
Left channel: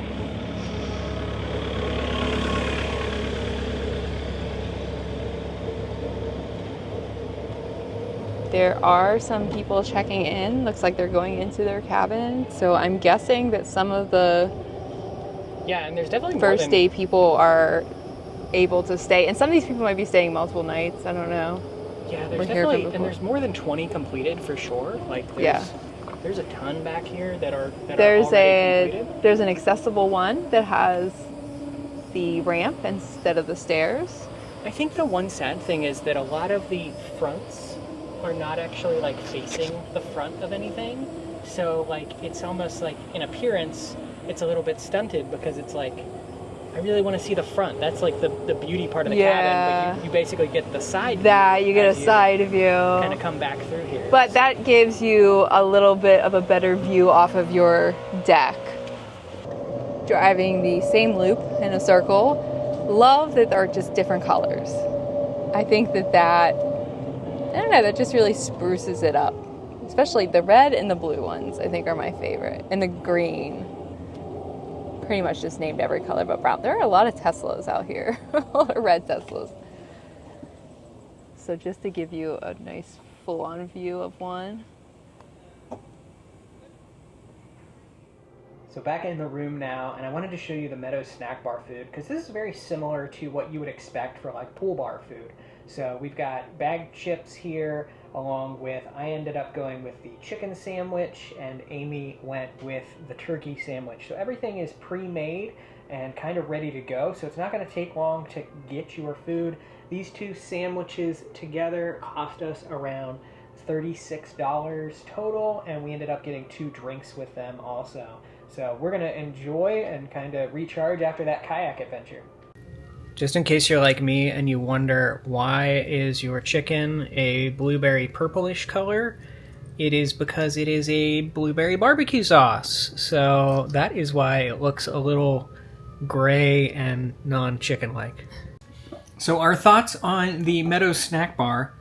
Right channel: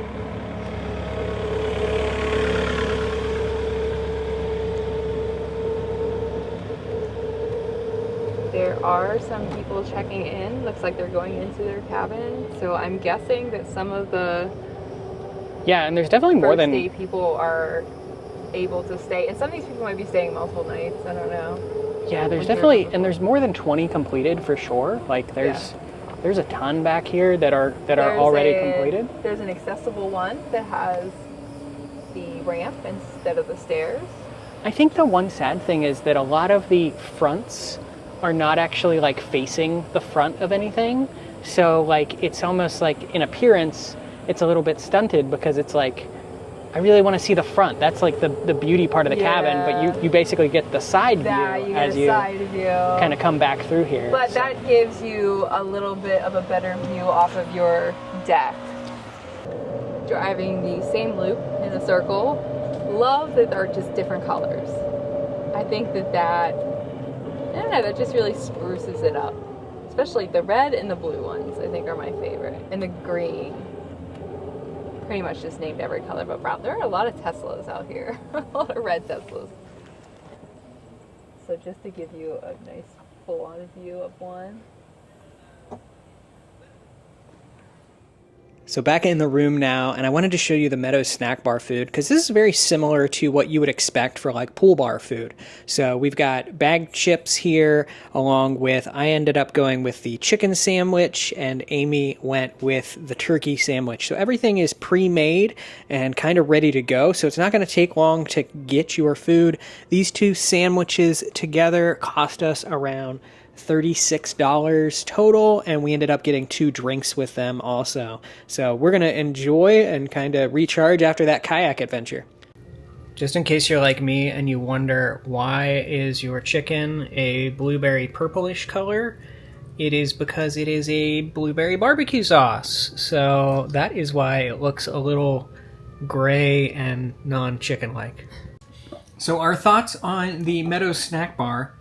There are some people checking in. Looks like they're going into their cabin. So I'm guessing that some of the and there's definitely more first day people are able to stay, and some of these people might be staying multiple nights. I don't know. Yeah, there's definitely, and there's more than 20 completed for sure. Like there's a ton back here that are already completed. There's an accessible one that has the ramp instead of the stairs. I think the one sad thing is that a lot of the fronts are not actually like facing the front of anything. So like it's almost like in appearance it's a little bit stunted because it's like I really want to see the front. That's like the beauty part of the cabin, but you basically get the side view. You get a side view. Kind of come back through here. But that gives you a little bit of a better view off of your deck. Driving the same loop in a circle. Love that they're just different colors. I think that I don't know, that just really spruces it up. Especially the red and the blue ones, I think, are my favorite. And the green. Pretty much just named every color but brown. There are a lot of Teslas out here. A lot of red Teslas. So just to give you a nice full-on view of one. So back in the room now, and I wanted to show you the Meadows snack bar food because this is very similar to what you would expect for like pool bar food. So we've got bagged chips here, along with, I ended up going with the chicken sandwich and Amy went with the turkey sandwich. So everything is pre-made and kind of ready to go. So it's not going to take long to get your food. These 2 sandwiches together cost us around $36 total, and we ended up getting 2 drinks with them also. So we're going to enjoy and kind of recharge after that kayak adventure. Just in case you're like me and you wonder why is your chicken a blueberry purplish color, it is because it is a blueberry barbecue sauce. So that is why it looks a little gray and non-chicken like. So our thoughts on the Meadows snack bar.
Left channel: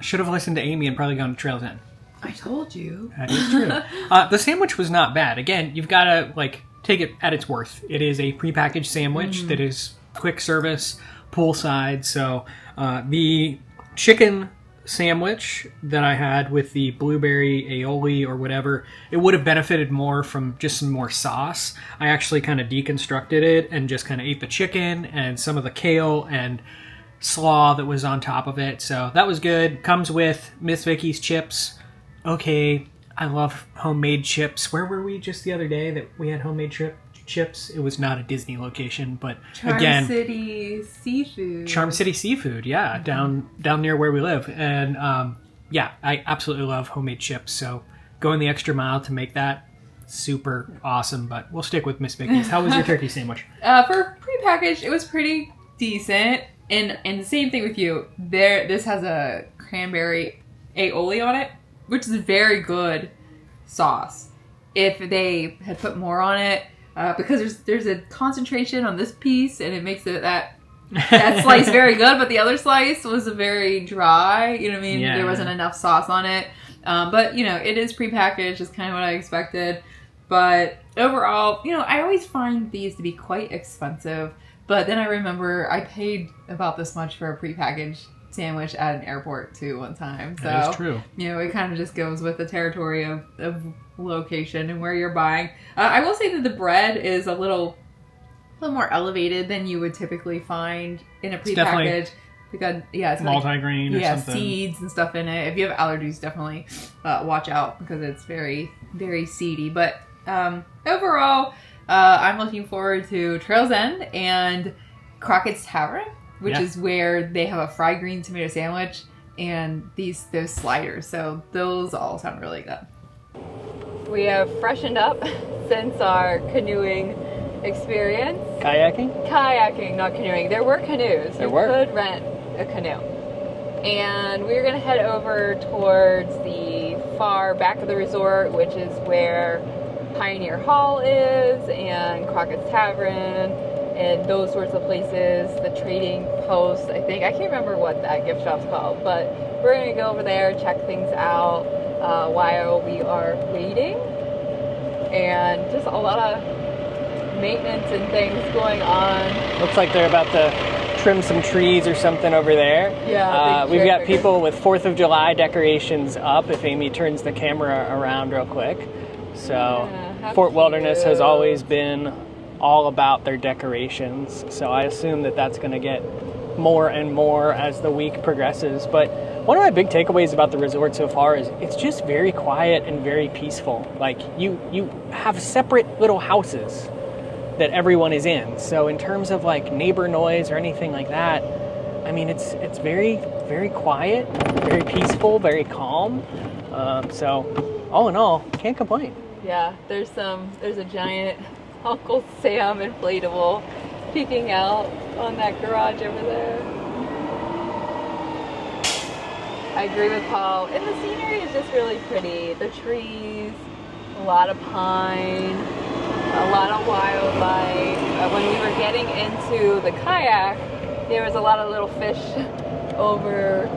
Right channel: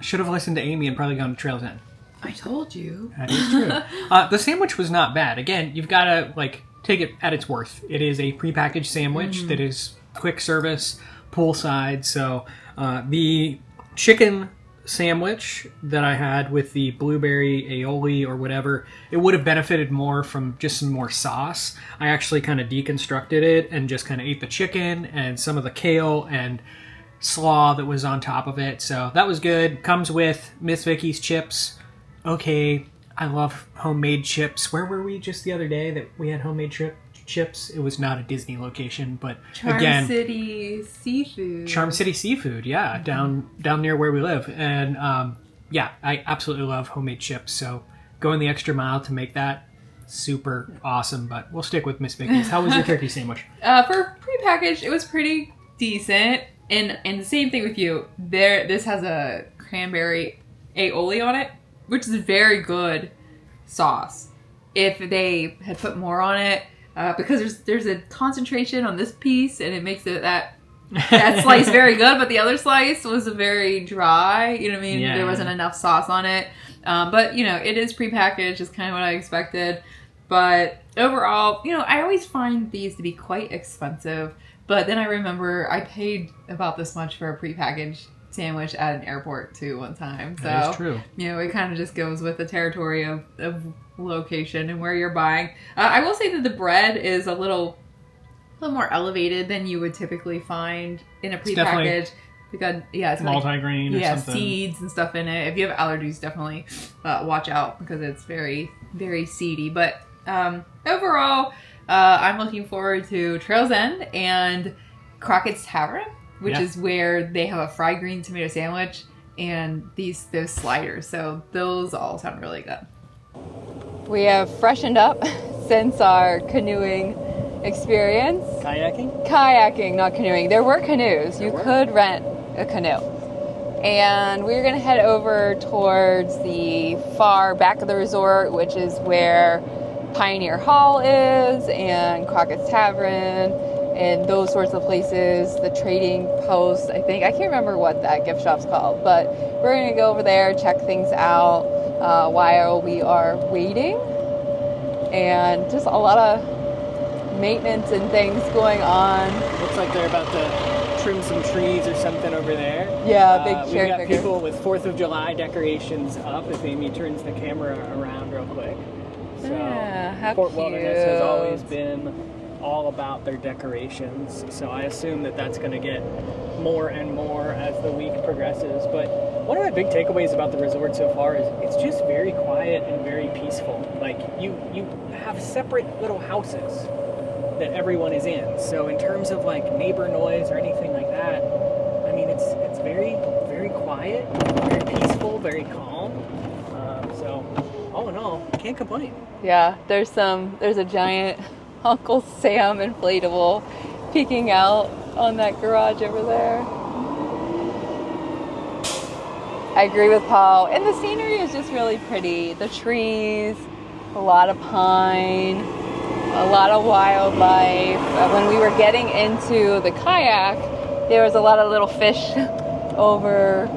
Should have listened to Amy and probably gone to Trails End. I told you. That is true. The sandwich was not bad. Again, you've got to like take it at its worth. It is a prepackaged sandwich that is quick service, poolside. So the chicken sandwich that I had with the blueberry aioli or whatever, it would have benefited more from just some more sauce. I actually kind of deconstructed it and just kind of ate the chicken and some of the kale and slaw that was on top of it. So that was good. Comes with Miss Vicky's chips. Okay, I love homemade chips. Where were we just the other day that we had homemade chips? It was not a Disney location, but Charm City Seafood. Charm City Seafood, yeah, down near where we live. And I absolutely love homemade chips. So going the extra mile to make that, super awesome. But we'll stick with Miss Vicky's. How was your turkey sandwich? For prepackaged, it was pretty decent. And the same thing with you. This has a cranberry aioli on it, which is a very good sauce. If they had put more on it, because there's a concentration on this piece, and it makes it that slice very good, but the other slice was very dry. You know what I mean? Yeah. There wasn't enough sauce on it. But it is prepackaged. It's kind of what I expected. But overall, I always find these to be quite expensive. But then I remember I paid about this much for a prepackaged sandwich at an airport too one time. So that is true. It kind of just goes with the territory of location and where you're buying. I will say that the bread is a little more elevated than you would typically find in a prepackaged. It's multi-grain or something. Seeds and stuff in it. If you have allergies, definitely watch out because it's very, very seedy. But overall, I'm looking forward to Trails End and Crockett's Tavern, which is where they have a fried green tomato sandwich and those sliders. So those all sound really good. We have freshened up since our canoeing experience. Kayaking, not canoeing. There were canoes. You could rent a canoe. And we're gonna head over towards the far back of the resort, which is where Pioneer Hall is and Crockett's Tavern and those sorts of places. The trading post, I can't remember what that gift shop's called, but we're gonna go over there, check things out while we are waiting. And just a lot of maintenance and things going on. Looks like they're about to trim some trees or something over there. Yeah, we've got people with 4th of July decorations up, if Amy turns the camera around real quick. So Fort Wilderness has always been all about their decorations, so I assume that that's going to get more and more as the week progresses. But one of my big takeaways about the resort so far is it's just very quiet and very peaceful. Like you have separate little houses that everyone is in. So in terms of like neighbor noise or anything like that, I mean, it's very, very quiet, very peaceful, very calm. So all in all, can't complain. Yeah, there's a giant Uncle Sam inflatable peeking out on that garage over there. I agree with Paul, and the scenery is just really pretty. The trees, a lot of pine, a lot of wildlife. When we were getting into the kayak, there was a lot of little fish over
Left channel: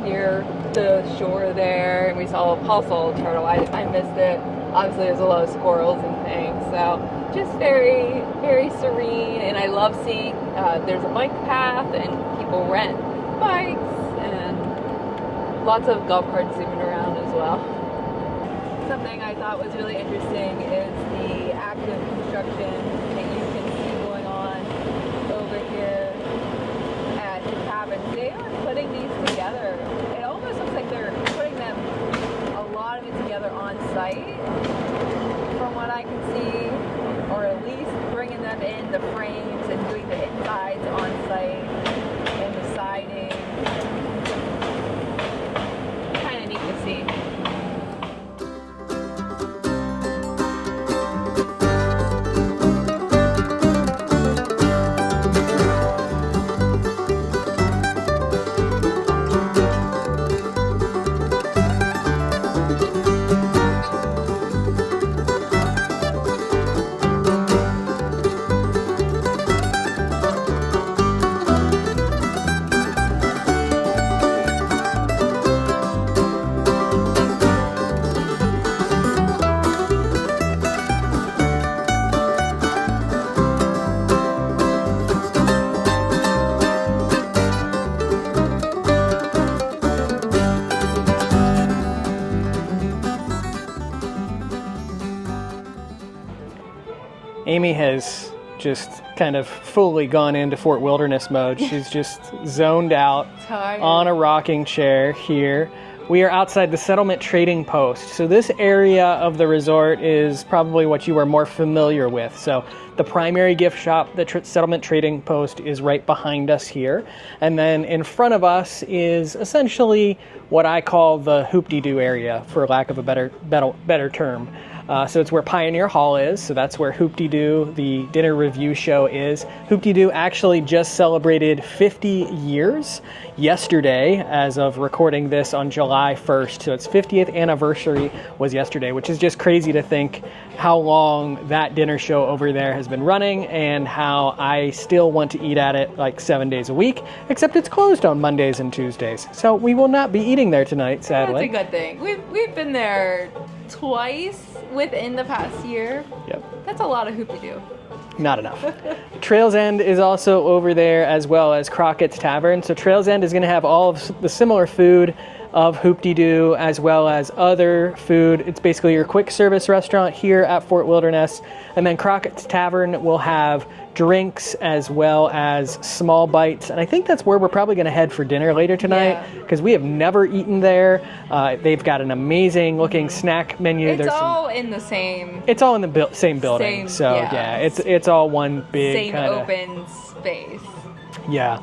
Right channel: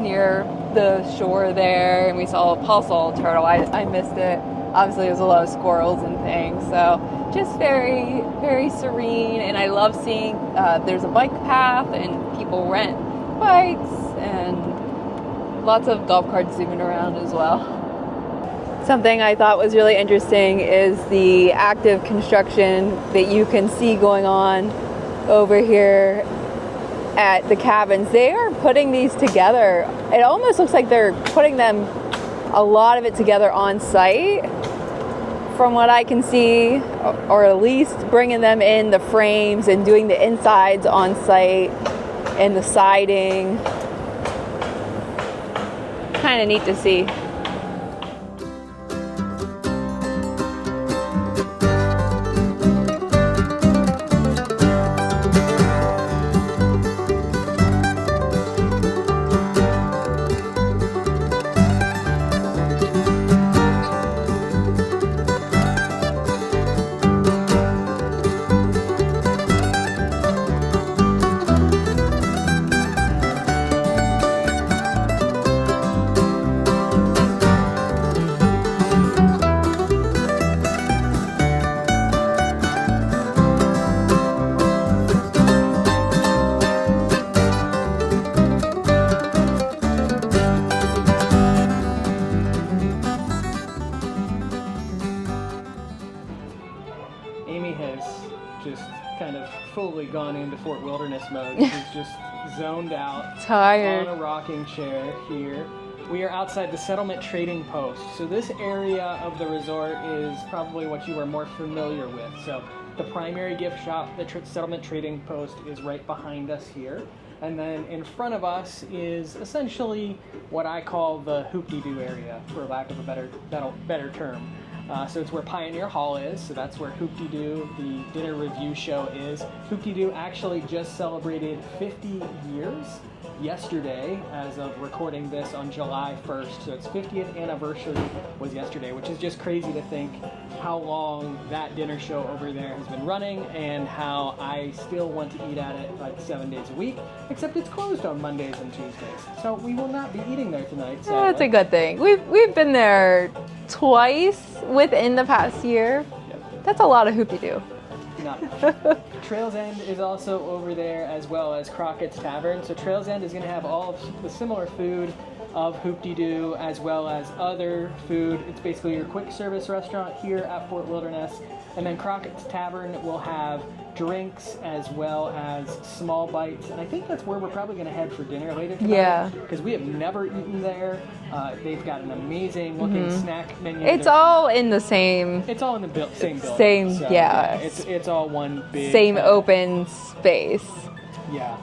near the shore there, and Paul saw a turtle. I missed it. Obviously, there's a lot of squirrels and things, so just very, very serene. And I love seeing there's a bike path, and people rent bikes, and lots of golf carts zooming around as well. Something I thought was really interesting is the active construction that you can see going on over here at the cabins. They are putting these together. It almost looks like they're putting them, a lot of it together on site, from what I can see, or at least bringing them in the frames and doing the insides on site and the siding. Kind of neat to see. Amy has just kind of fully gone into Fort Wilderness mode. She's just zoned out, tired, on a rocking chair here. We are outside the settlement trading post. So this area of the resort is probably what you are more familiar with. So the primary gift shop, the settlement trading post, is right behind us here. And then in front of us is essentially what I call the hoop-de-doo area, for lack of a better term. So it's where Pioneer Hall is, so that's where Hoop-de-Doo, the dinner review show, is. Hoop-de-Doo actually just celebrated 50 years yesterday, as of recording this on July 1st. So its 50th anniversary was yesterday, which is just crazy to think how long that dinner show over there has been running and how I still want to eat at it like 7 days a week, except it's closed on Mondays and Tuesdays. So we will not be eating there tonight, sadly. That's a good thing. We've been there twice within the past year. Yep. That's a lot of hoop-de-doo. Not enough. Trails End is also over there, as well as Crockett's Tavern. So Trails End is going to have all of the similar food of Hoop-de-Doo, as well as other food. It's basically your quick service restaurant here at Fort Wilderness. And then Crockett's Tavern will have drinks as well as small bites. And I think that's where we're probably going to head for dinner later tonight, because we have never eaten there. They've got an amazing looking snack menu. It's all in the same... It's all in the same building. It's all one big... Same open space. Yeah,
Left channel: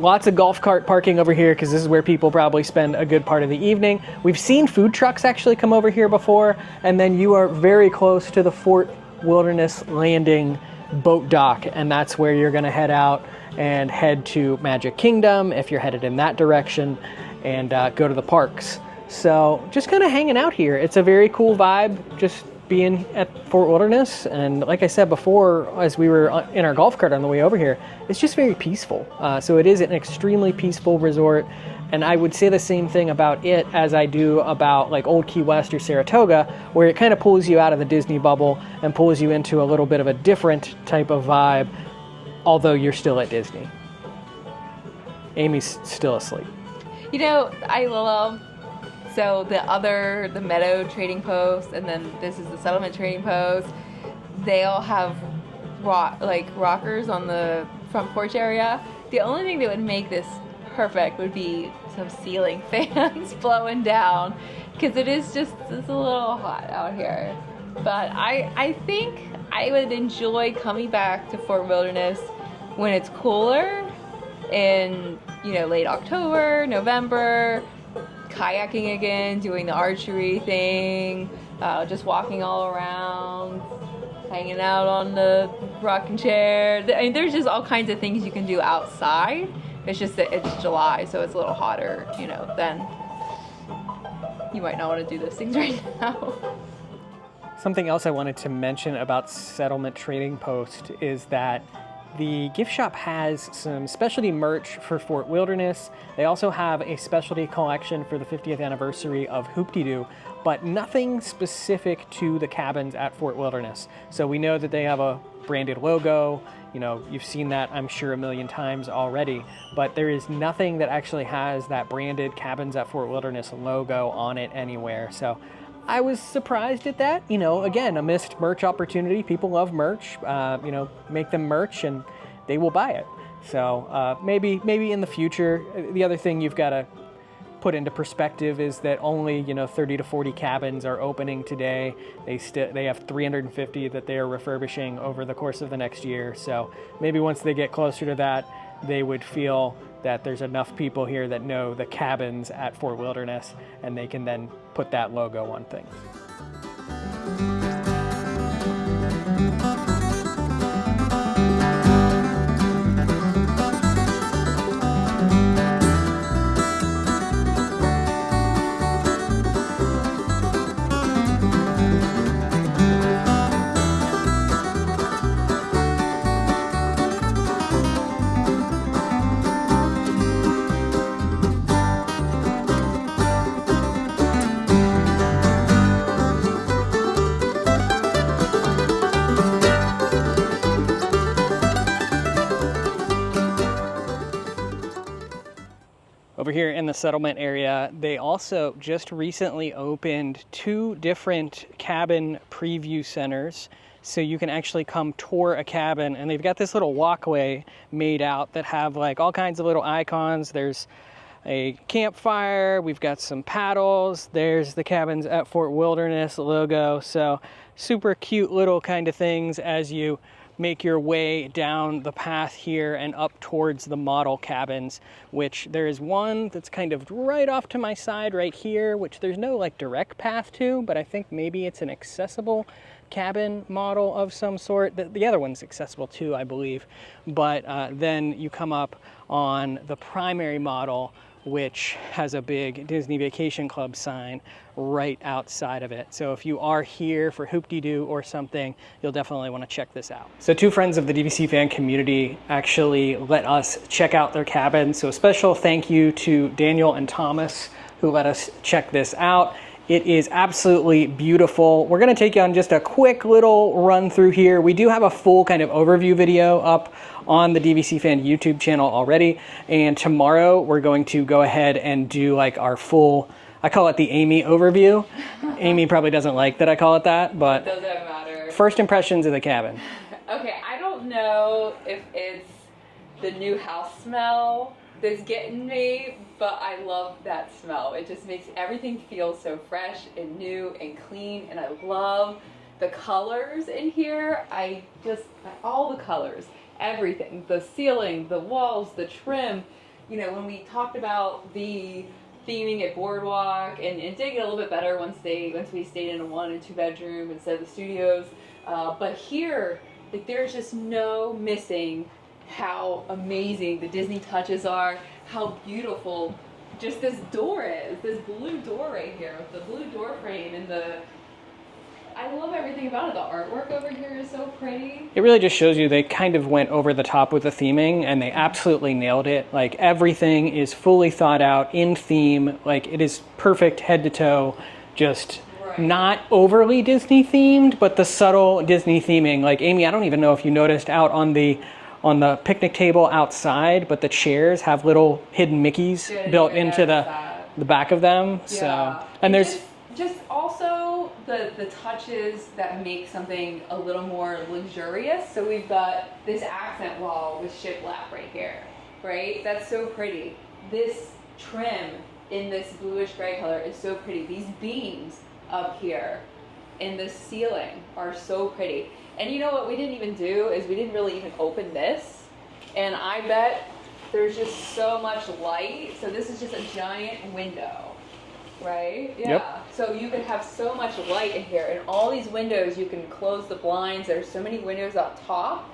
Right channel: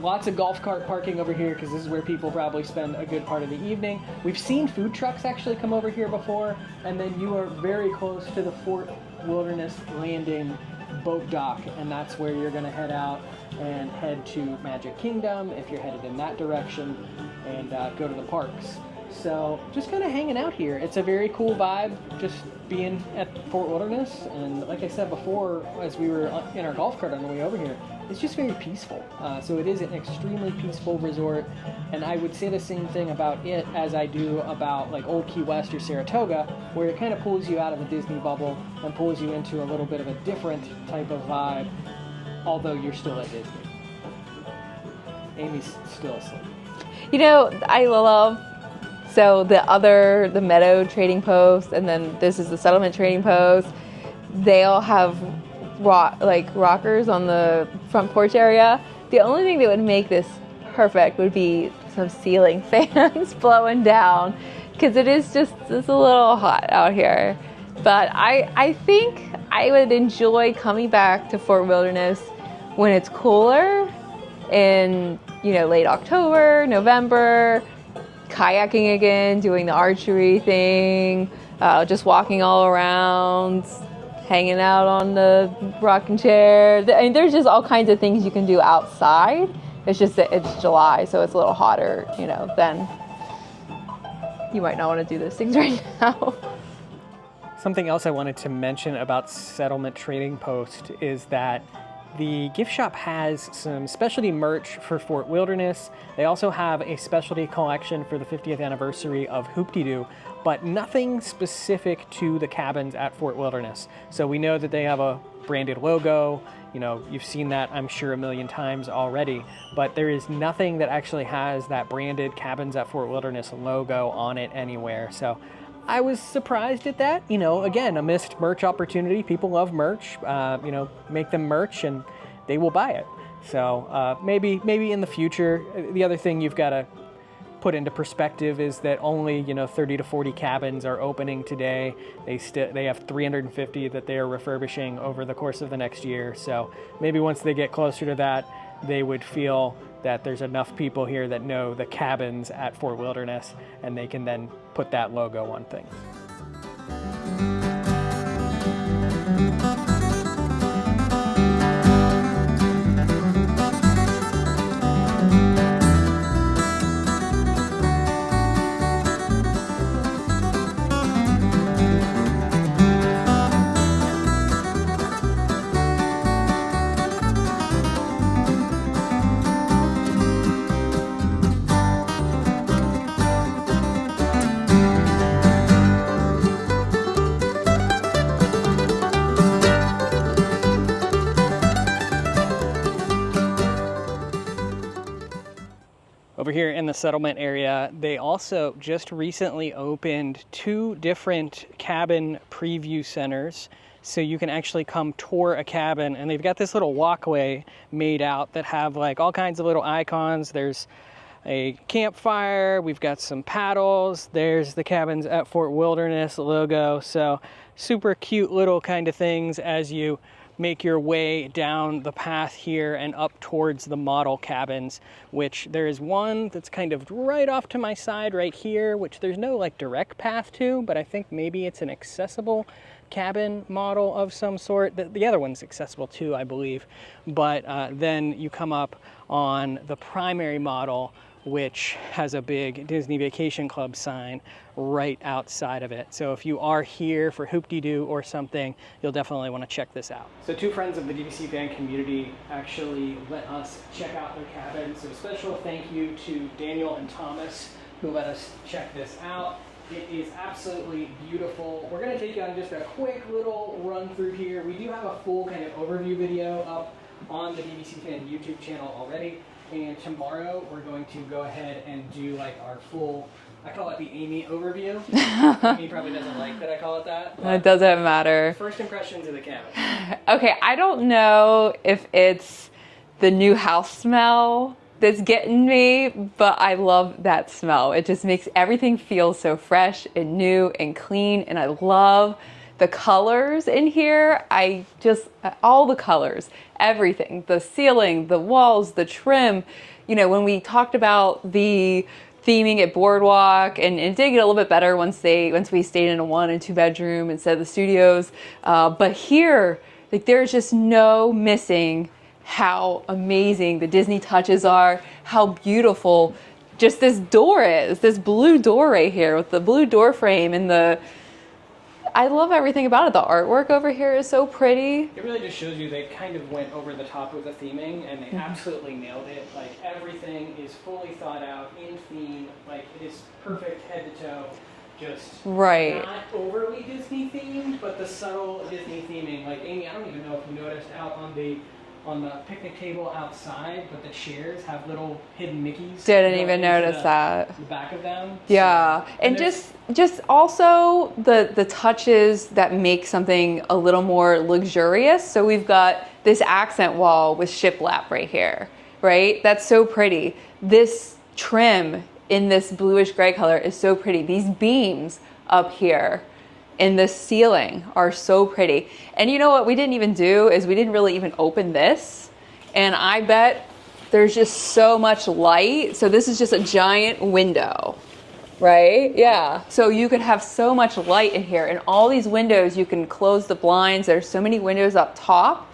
lots of golf cart parking over here because this is where people probably spend a good part of the evening. We've seen food trucks actually come over here before, and then you are very close to the Fort Wilderness Landing boat dock, and that's where you're going to head out and head to Magic Kingdom if you're headed in that direction, and go to the parks. So just kind of hanging out here. It's a very cool vibe just being at Fort Wilderness, and like I said before, as we were in our golf cart on the way over here, it's just very peaceful. So it is an extremely peaceful resort, and I would say the same thing about it as I do about like Old Key West or Saratoga, where it kind of pulls you out of the Disney bubble and pulls you into a little bit of a different type of vibe, although you're still at Disney. Amy's still asleep. You know, I love, so the Meadow trading post, and then this is the Settlement trading post. They all have rockers on the front porch area. The only thing that would make this perfect would be some ceiling fans blowing down, because it's a little hot out here. But I think I would enjoy coming back to Fort Wilderness when it's cooler in, late October, November, kayaking again, doing the archery thing, just walking all around, hanging out on the rocking chair. I mean, there's just all kinds of things you can do outside. It's just that it's July, so it's a little hotter, then you might not want to do those things right now. Something else I wanted to mention about Settlement Trading Post is that the gift shop has some specialty merch for Fort Wilderness. They also have a specialty collection for the 50th anniversary of Hoop-Dee-Doo, but nothing specific to the cabins at Fort Wilderness. So we know that they have a branded logo. You've seen that, I'm sure, a million times already, but there is nothing that actually has that branded Cabins at Fort Wilderness logo on it anywhere. So I was surprised at that. Again, a missed merch opportunity. People love merch. Make them merch and they will buy it. So maybe in the future. The other thing you've got to put into perspective is that only 30 to 40 cabins are opening today. They have 350 that they are refurbishing over the course of the next year. So maybe once they get closer to that, they would feel that there's enough people here that know the cabins at Fort Wilderness, and they can then put that logo on things. Over here in the settlement area, they also just recently opened 2 different cabin preview centers. So you can actually come tour a cabin, and they've got this little walkway made out that have like all kinds of little icons. There's a campfire, we've got some paddles, there's the Cabins at Fort Wilderness logo. So super cute little kind of things as you make your way down the path here and up towards the model cabins, which there is one that's kind of right off to my side right here, which there's no like direct path to, but I think maybe it's an accessible cabin model of some sort. The other one's accessible too, I believe. But then you come up on the primary model, which has a big Disney Vacation Club sign right outside of it. So if you are here for Hoop-Dee-Doo or something, you'll definitely want to check this out. So 2 friends of the DVC fan community actually let us check out their cabin. So a special thank you to Daniel and Thomas who let us check this out. It is absolutely beautiful. We're gonna take you on just a quick little run through here. We do have a full kind of overview video up on the DVC Fan YouTube channel already. And tomorrow we're going to go ahead and do like our full, I call it the Amy overview. Amy probably doesn't like that I call it that, but it doesn't matter. First impressions of the cabin. Okay, I don't know if it's the new house smell that's getting me, but I love that smell. It just makes everything feel so fresh and new and clean, and I love The colors in here, all the colors, everything, the ceiling, the walls, the trim. You know, when we talked about the theming at Boardwalk, and it did get a little bit better once we stayed in a 1 and 2 bedroom instead of the studios. But here, like, there's just no missing how amazing the Disney touches are, how beautiful just this door is, this blue door right here with the blue door frame, and I love everything about it. The artwork over here is so pretty. It really just shows you they kind of went over the top with the theming, and they absolutely nailed it. Like, everything is fully thought out in theme. Like, it is perfect head to toe. Just not overly Disney themed, but the subtle Disney theming. Like, Amy, I don't even know if you noticed out on the picnic table outside, but the chairs have little hidden Mickeys built into the back of them. Yeah, so, and just also the touches that make something a little more luxurious. So we've got this accent wall with shiplap right here, right? That's so pretty. This trim in this bluish gray color is so pretty. These beams up here in the ceiling are so pretty. And you know what we didn't even do is we didn't really even open this. And I bet there's just so much light. So this is just a giant window, right? Yeah. Yep. So you can have so much light in here, and all these windows, you can close the blinds. There's so many windows up top.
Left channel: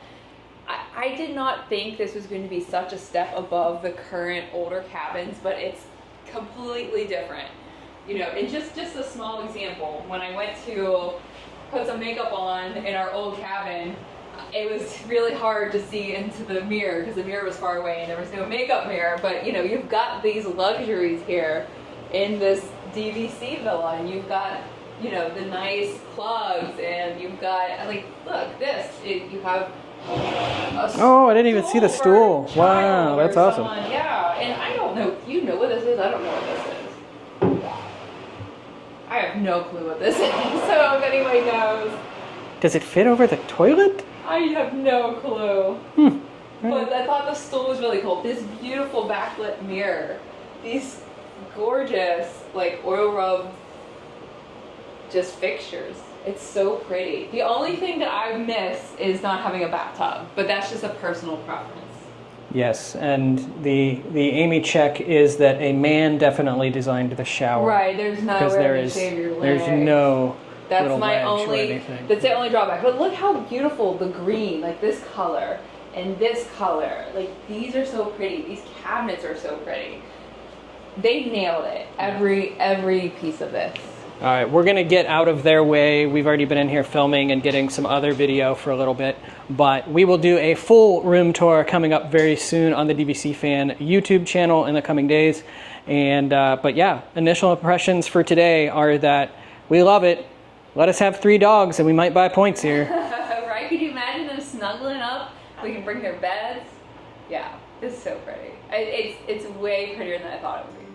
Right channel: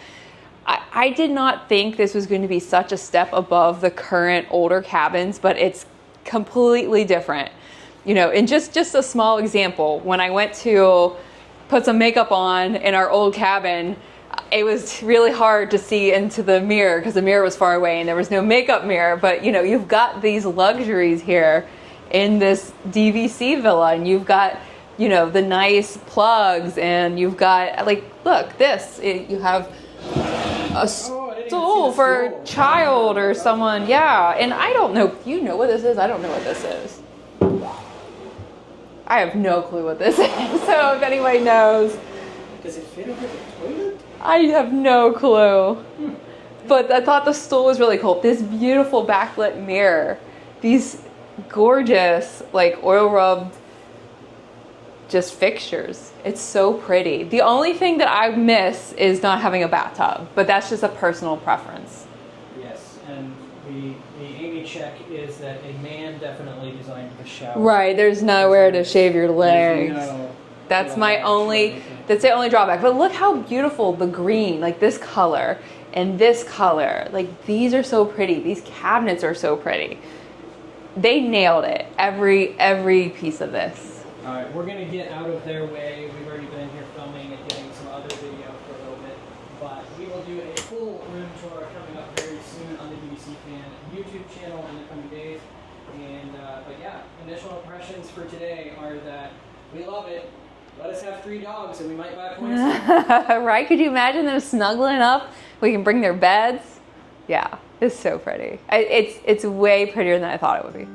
I did not think this was going to be such a step above the current older cabins, but it's completely different. You know, and just a small example, when I went to put some makeup on in our old cabin, it was really hard to see into the mirror because the mirror was far away and there was no makeup mirror. But you know, you've got these luxuries here in this DVC villa, and you've got, you know, the nice plugs, and you've got, like, look, you have a I didn't even see the for stool. A child or someone. Awesome. Yeah, and I don't know. You know what this is? I don't know what this is. I have no clue what this is. So if anybody knows. Does it fit over the toilet? I have no clue. But I thought the stool was really cool. This beautiful backlit mirror. These gorgeous, like, oil rub just fixtures. It's so pretty. The only thing that I miss is not having a bathtub, but that's just a personal preference. Yes, and the Amy check is that a man definitely designed the shower. Right, there's nowhere to shave your legs. There's no. That's the only drawback. But look how beautiful the green, like this color and this color, like these are so pretty. These cabinets are so pretty. They nailed it. Every piece of this. All right, we're gonna get out of their way. We've already been in here filming and getting some other video for a little bit, but we will do a full room tour coming up very soon on the DVC Fan YouTube channel in the coming days. And but yeah, initial impressions for today are that we love it. Let us have 3 dogs and we might buy points here. Right? Could you imagine them snuggling up? We can bring their beds. Yeah, it's so pretty. It's way prettier than I thought it would be.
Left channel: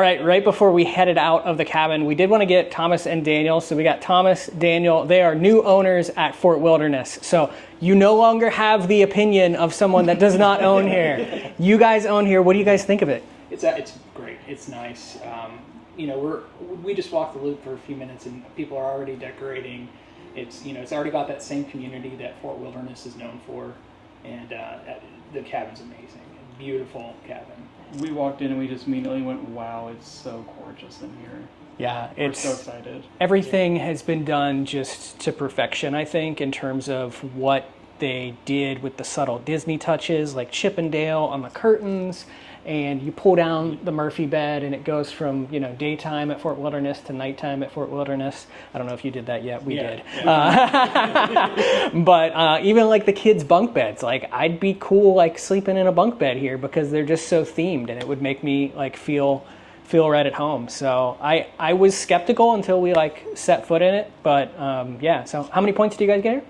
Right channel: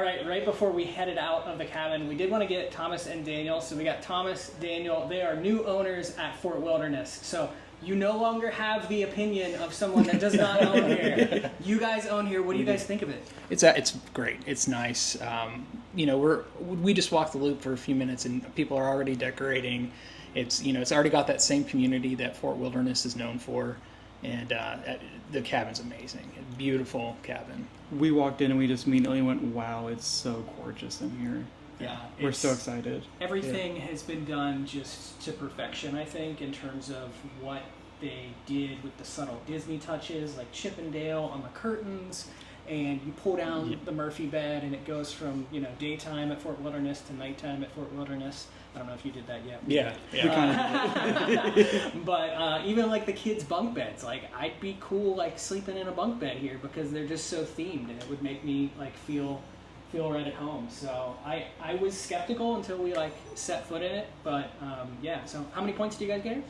All right, right before we headed out of the cabin, we did want to get Thomas and Daniel. So we got Thomas, Daniel. They are new owners at Fort Wilderness. So you no longer have the opinion of someone that does not own here. You guys own here. What do you guys think of it? It's great. It's nice. You know, we just walked the loop for a few minutes, and people are already decorating. It's already got that same community that Fort Wilderness is known for, and the cabin's amazing. Beautiful cabin. We walked in and we just immediately went, wow, it's so gorgeous in here. Yeah, we're so excited. Everything has been done just to perfection, I think, in terms of what they did with the subtle Disney touches, like Chippendale on the curtains, and you pull down the Murphy bed and it goes from, you know, daytime at Fort Wilderness to nighttime at Fort Wilderness. I don't know if you did that yet. We did. But even like the kids' bunk beds, like I'd be cool like sleeping in a bunk bed here because they're just so themed, and it would make me like feel right at home. So I was skeptical until we like set foot in it. But yeah, so how many points do you guys get here?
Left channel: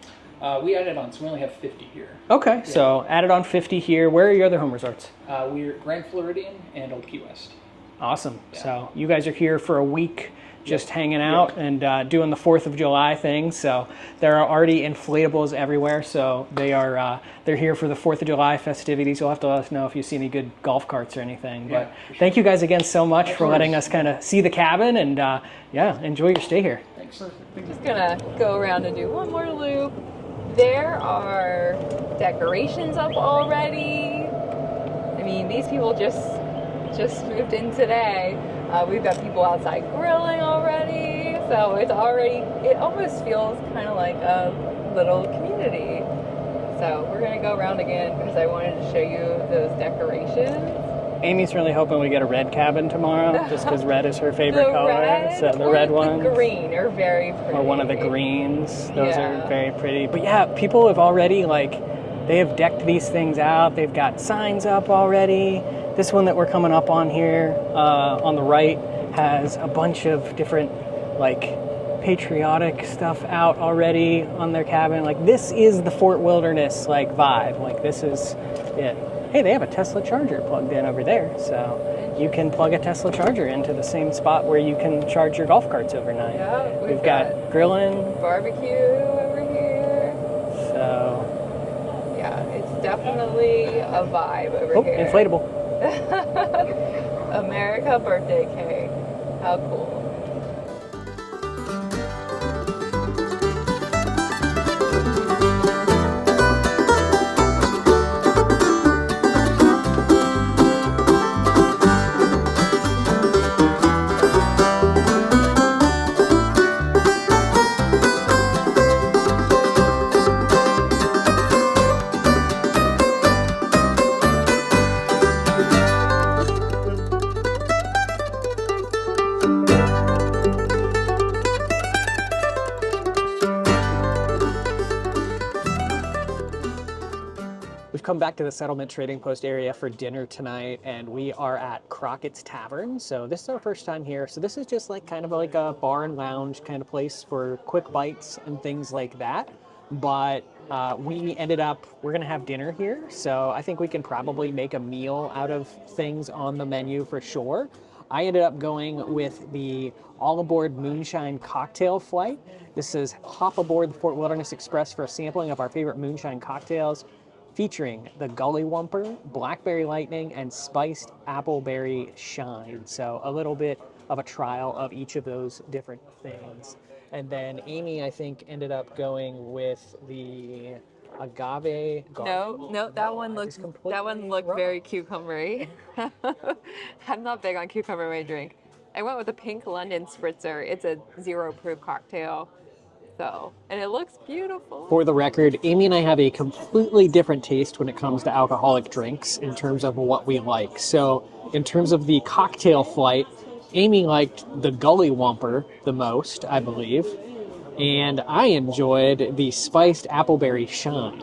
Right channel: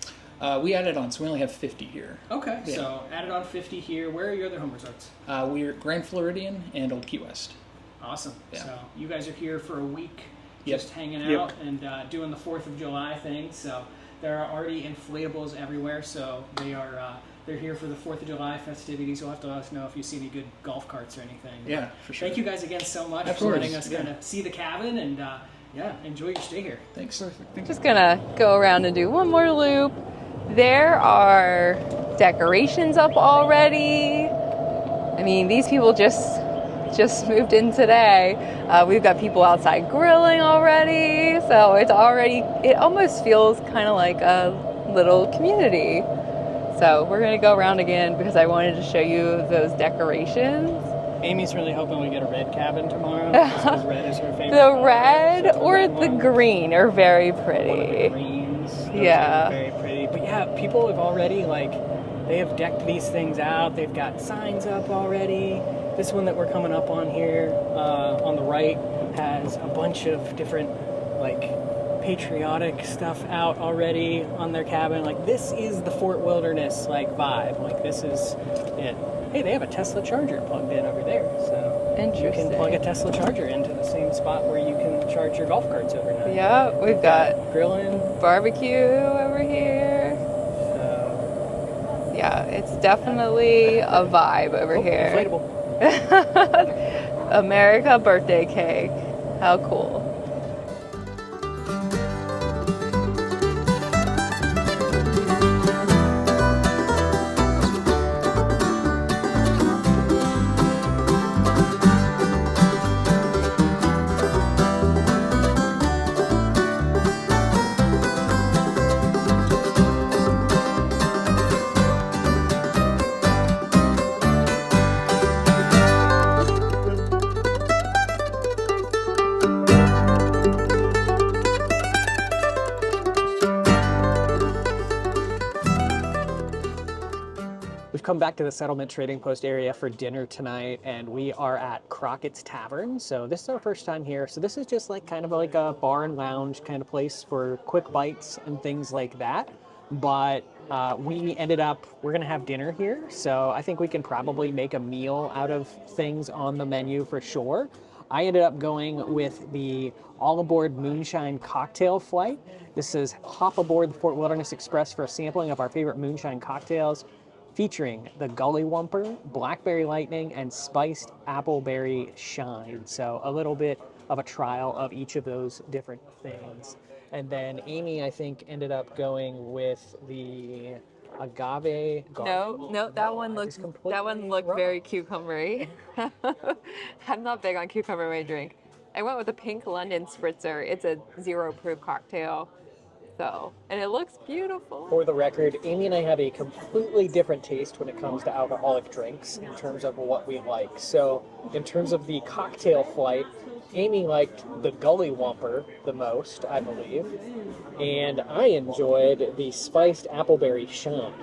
We added on, so we only have 50 here. Okay, yeah. So added on 50 here. Where are your other home resorts? We're Grand Floridian and Old Key West. Awesome. Yeah. So you guys are here for a week just hanging out and doing the 4th of July thing. So there are already inflatables everywhere. So they're here for the 4th of July festivities. You'll have to let us know if you see any good golf carts or anything. Yeah, but for sure. Thank you guys again so much for letting us kind of see the cabin, and yeah, enjoy your stay here. Thanks. Just gonna go around and do one more loop. There are decorations up already. I mean, these people just moved in today. We've got people outside grilling already, so it almost feels kind of like a little community. So we're gonna go around again because I wanted to show you those decorations. Amy's really hoping we get a red cabin tomorrow, just because red is her favorite color. The red So or red the ones. green are very pretty. Or one of the greens. Those Yeah. are very pretty. But yeah, people have already they have decked these things out. They've got signs up already. This one that we're coming up on here on the right has a bunch of different patriotic stuff out already on their cabin. Like this is the Fort Wilderness vibe. Like this is it. Hey, they have a Tesla charger plugged in over there, so you can plug a Tesla charger into the same spot where you can charge your golf carts overnight. Yeah, we've got grilling, barbecue over here. So yeah, it's definitely a vibe over here. Inflatable. America birthday cake. How cool. We've come back to the Settlement Trading Post area for dinner tonight, and we are at Crockett's Tavern. So this is our first time here. So this is just kind of like a bar and lounge kind of place for quick bites and things like that. But we're going to have dinner here. So I think we can probably make a meal out of things on the menu for sure. I ended up going with the All Aboard Moonshine Cocktail Flight. This is hop aboard the Fort Wilderness Express for a sampling of our favorite moonshine cocktails, featuring the Gully Whumper, Blackberry Lightning, and Spiced Appleberry Shine. So a little bit of a trial of each of those different things. And then Amy, I think, ended up going with the agave garden. No, that one looked wrong. very cucumbery. I'm not big on cucumber in my drink. I went with a Pink London Spritzer. It's a 0 proof cocktail. So, and it looks beautiful. For the record, Amy and I have a completely different taste when it comes to alcoholic drinks in terms of what we like. So in terms of the cocktail flight, Amy liked the Gully Whumper the most, I believe. And I enjoyed the Spiced Appleberry Shine.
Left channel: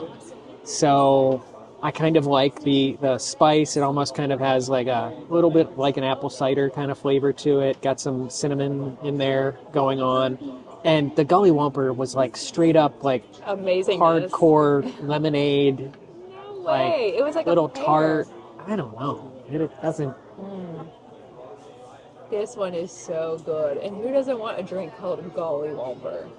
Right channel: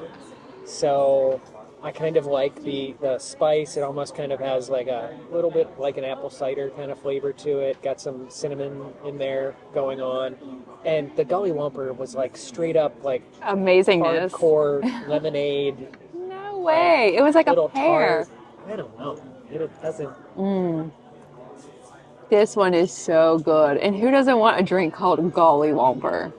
So I kind of like the spice. It almost kind of has like a little bit like an apple cider kind of flavor to it. Got some cinnamon in there going on. And the Gully Whumper was straight up amazingness. Hardcore lemonade. No way. It was like a little pear. tart. I don't know. It doesn't. This one is so good. And who doesn't want a drink called Golly Womper?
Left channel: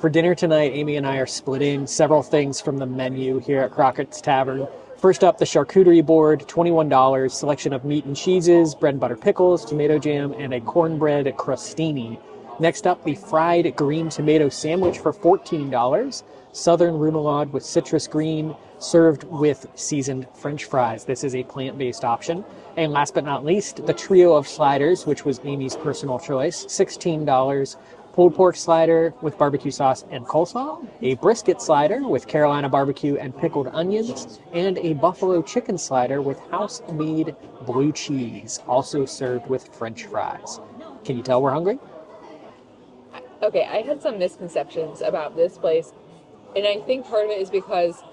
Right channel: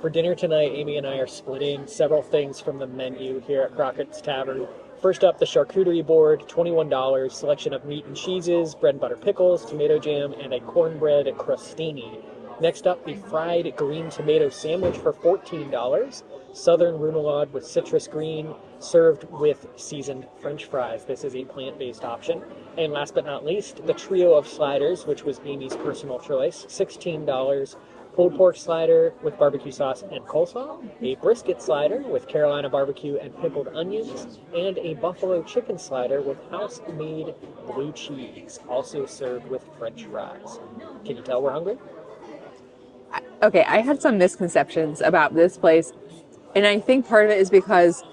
For dinner tonight, Amy and I are splitting several things from the menu here at Crockett's Tavern. First up, the charcuterie board, $21, selection of meat and cheeses, bread and butter pickles, tomato jam, and a cornbread crostini. Next up, the fried green tomato sandwich for $14, southern remoulade with citrus green, served with seasoned French fries. This is a plant-based option. And last but not least, the trio of sliders, which was Amy's personal choice, $16. Pulled pork slider with barbecue sauce and coleslaw, a brisket slider with Carolina barbecue and pickled onions, and a buffalo chicken slider with house-made blue cheese, also served with French fries. Can you tell we're hungry? Okay, I had some misconceptions about this place, and I think part of it is because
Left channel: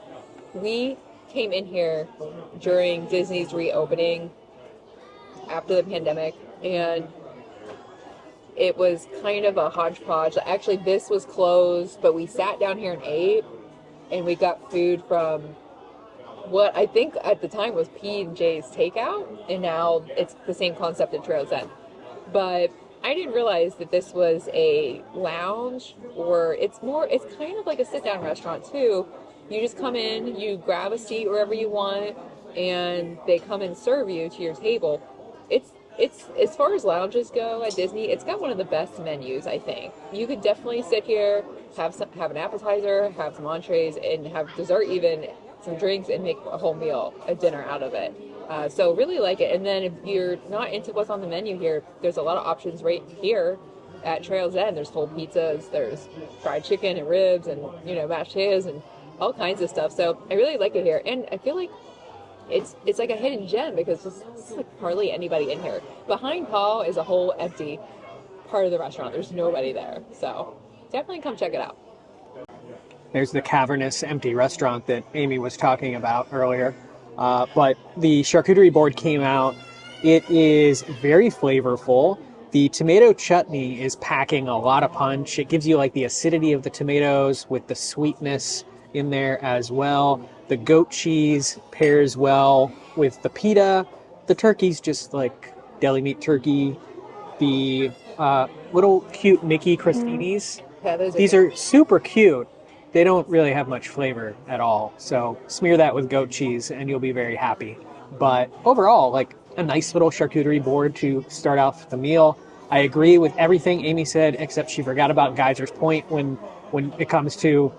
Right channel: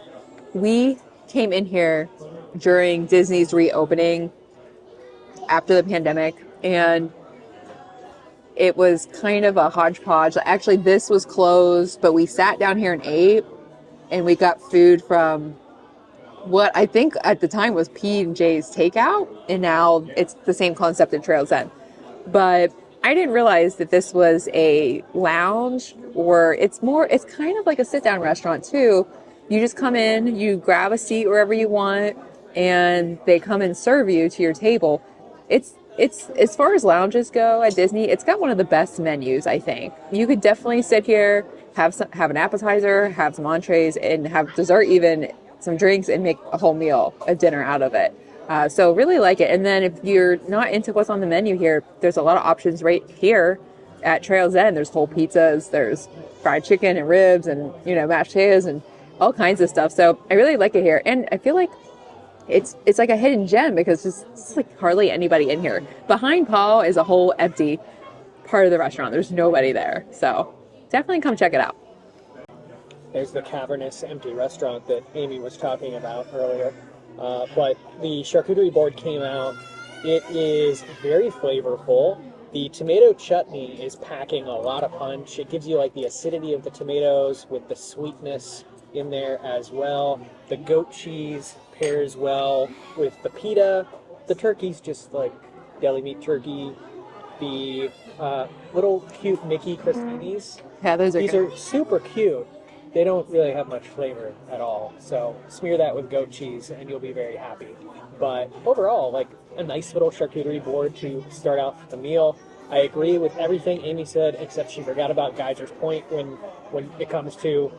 we came in here during Disney's reopening after the pandemic, and it was kind of a hodgepodge. Actually, this was closed, but we sat down here and ate, and we got food from what I think at the time was P&J's Takeout, and now it's the same concept in Trails End. But I didn't realize that this was a lounge, or it's kind of like a sit-down restaurant too. You just come in, you grab a seat wherever you want, and they come and serve you to your table. It's as far as lounges go at Disney, it's got one of the best menus, I think. You could definitely sit here, have an appetizer, have some entrees, and have dessert, even some drinks, and make a whole meal, a dinner out of it. So really like it. And then if you're not into what's on the menu here, there's a lot of options right here at Trails End. There's whole pizzas, there's fried chicken and ribs, and mashed potatoes and all kinds of stuff. So I really like it here, and I feel like it's like a hidden gem because there's like hardly anybody in here. Behind Paul is a whole empty part of the restaurant. There's nobody there. So definitely come check it out. There's the cavernous empty restaurant that Amy was talking about earlier. But the charcuterie board came out. It is very flavorful. The tomato chutney is packing a lot of punch. It gives you like the acidity of the tomatoes with the sweetness in there as well. The goat cheese pairs well with the pita. The turkey's just like deli meat turkey. The little cute Mickey crostinis. Yeah, These are super cute. They don't really have much flavor at all. So smear that with goat cheese and you'll be very happy. But overall, like a nice little charcuterie board to start off the meal. I agree with everything Amy said, except she forgot about Geyser's Point when it comes to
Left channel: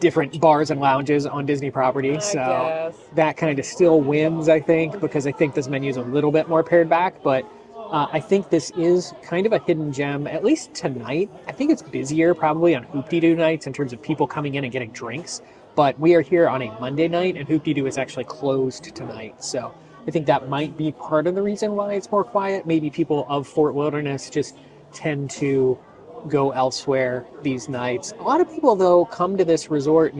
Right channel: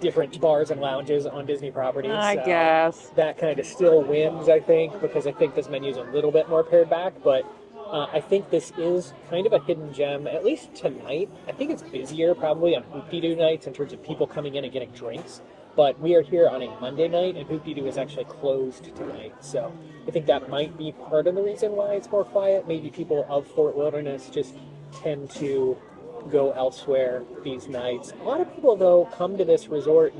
different bars and lounges on Disney properties. I guess that kind of still wins, I think, because I think this menu is a little bit more pared back. But I think this is kind of a hidden gem, at least tonight. I think it's busier probably on Hoop-Dee-Doo nights in terms of people coming in and getting drinks. But we are here on a Monday night, and Hoop-Dee-Doo is actually closed tonight. So I think that might be part of the reason why it's more quiet. Maybe people of Fort Wilderness just tend to go elsewhere these nights. A lot of people, though, come to this resort.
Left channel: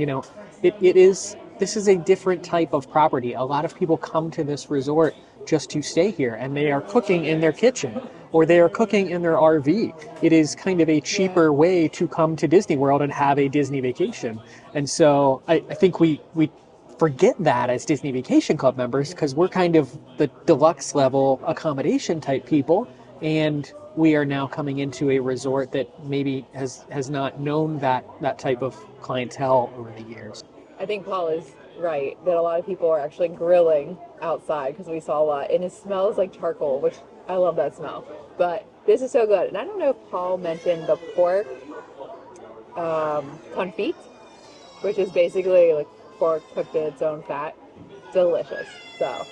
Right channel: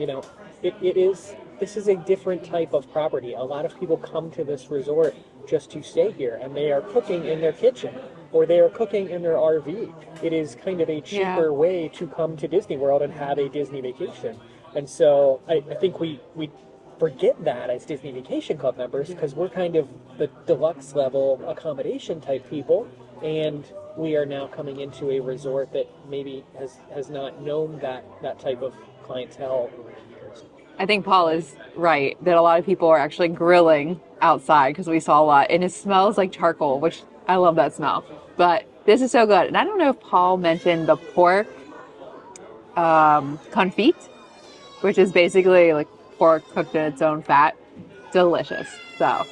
This is a different type of property. A lot of people come to this resort just to stay here, and they are cooking in their kitchen or they are cooking in their RV. It is kind of a cheaper way to come to Disney World and have a Disney vacation. And so I think we forget that as Disney Vacation Club members, because we're kind of the deluxe level accommodation type people, and we are now coming into a resort that maybe has not known that type of clientele over the years. I think Paul is right that a lot of people are actually grilling outside because we saw a lot, and it smells like charcoal, which I love that smell. But this is so good. And I don't know if Paul mentioned the pork confit, which is basically like pork cooked in its own fat. Delicious. So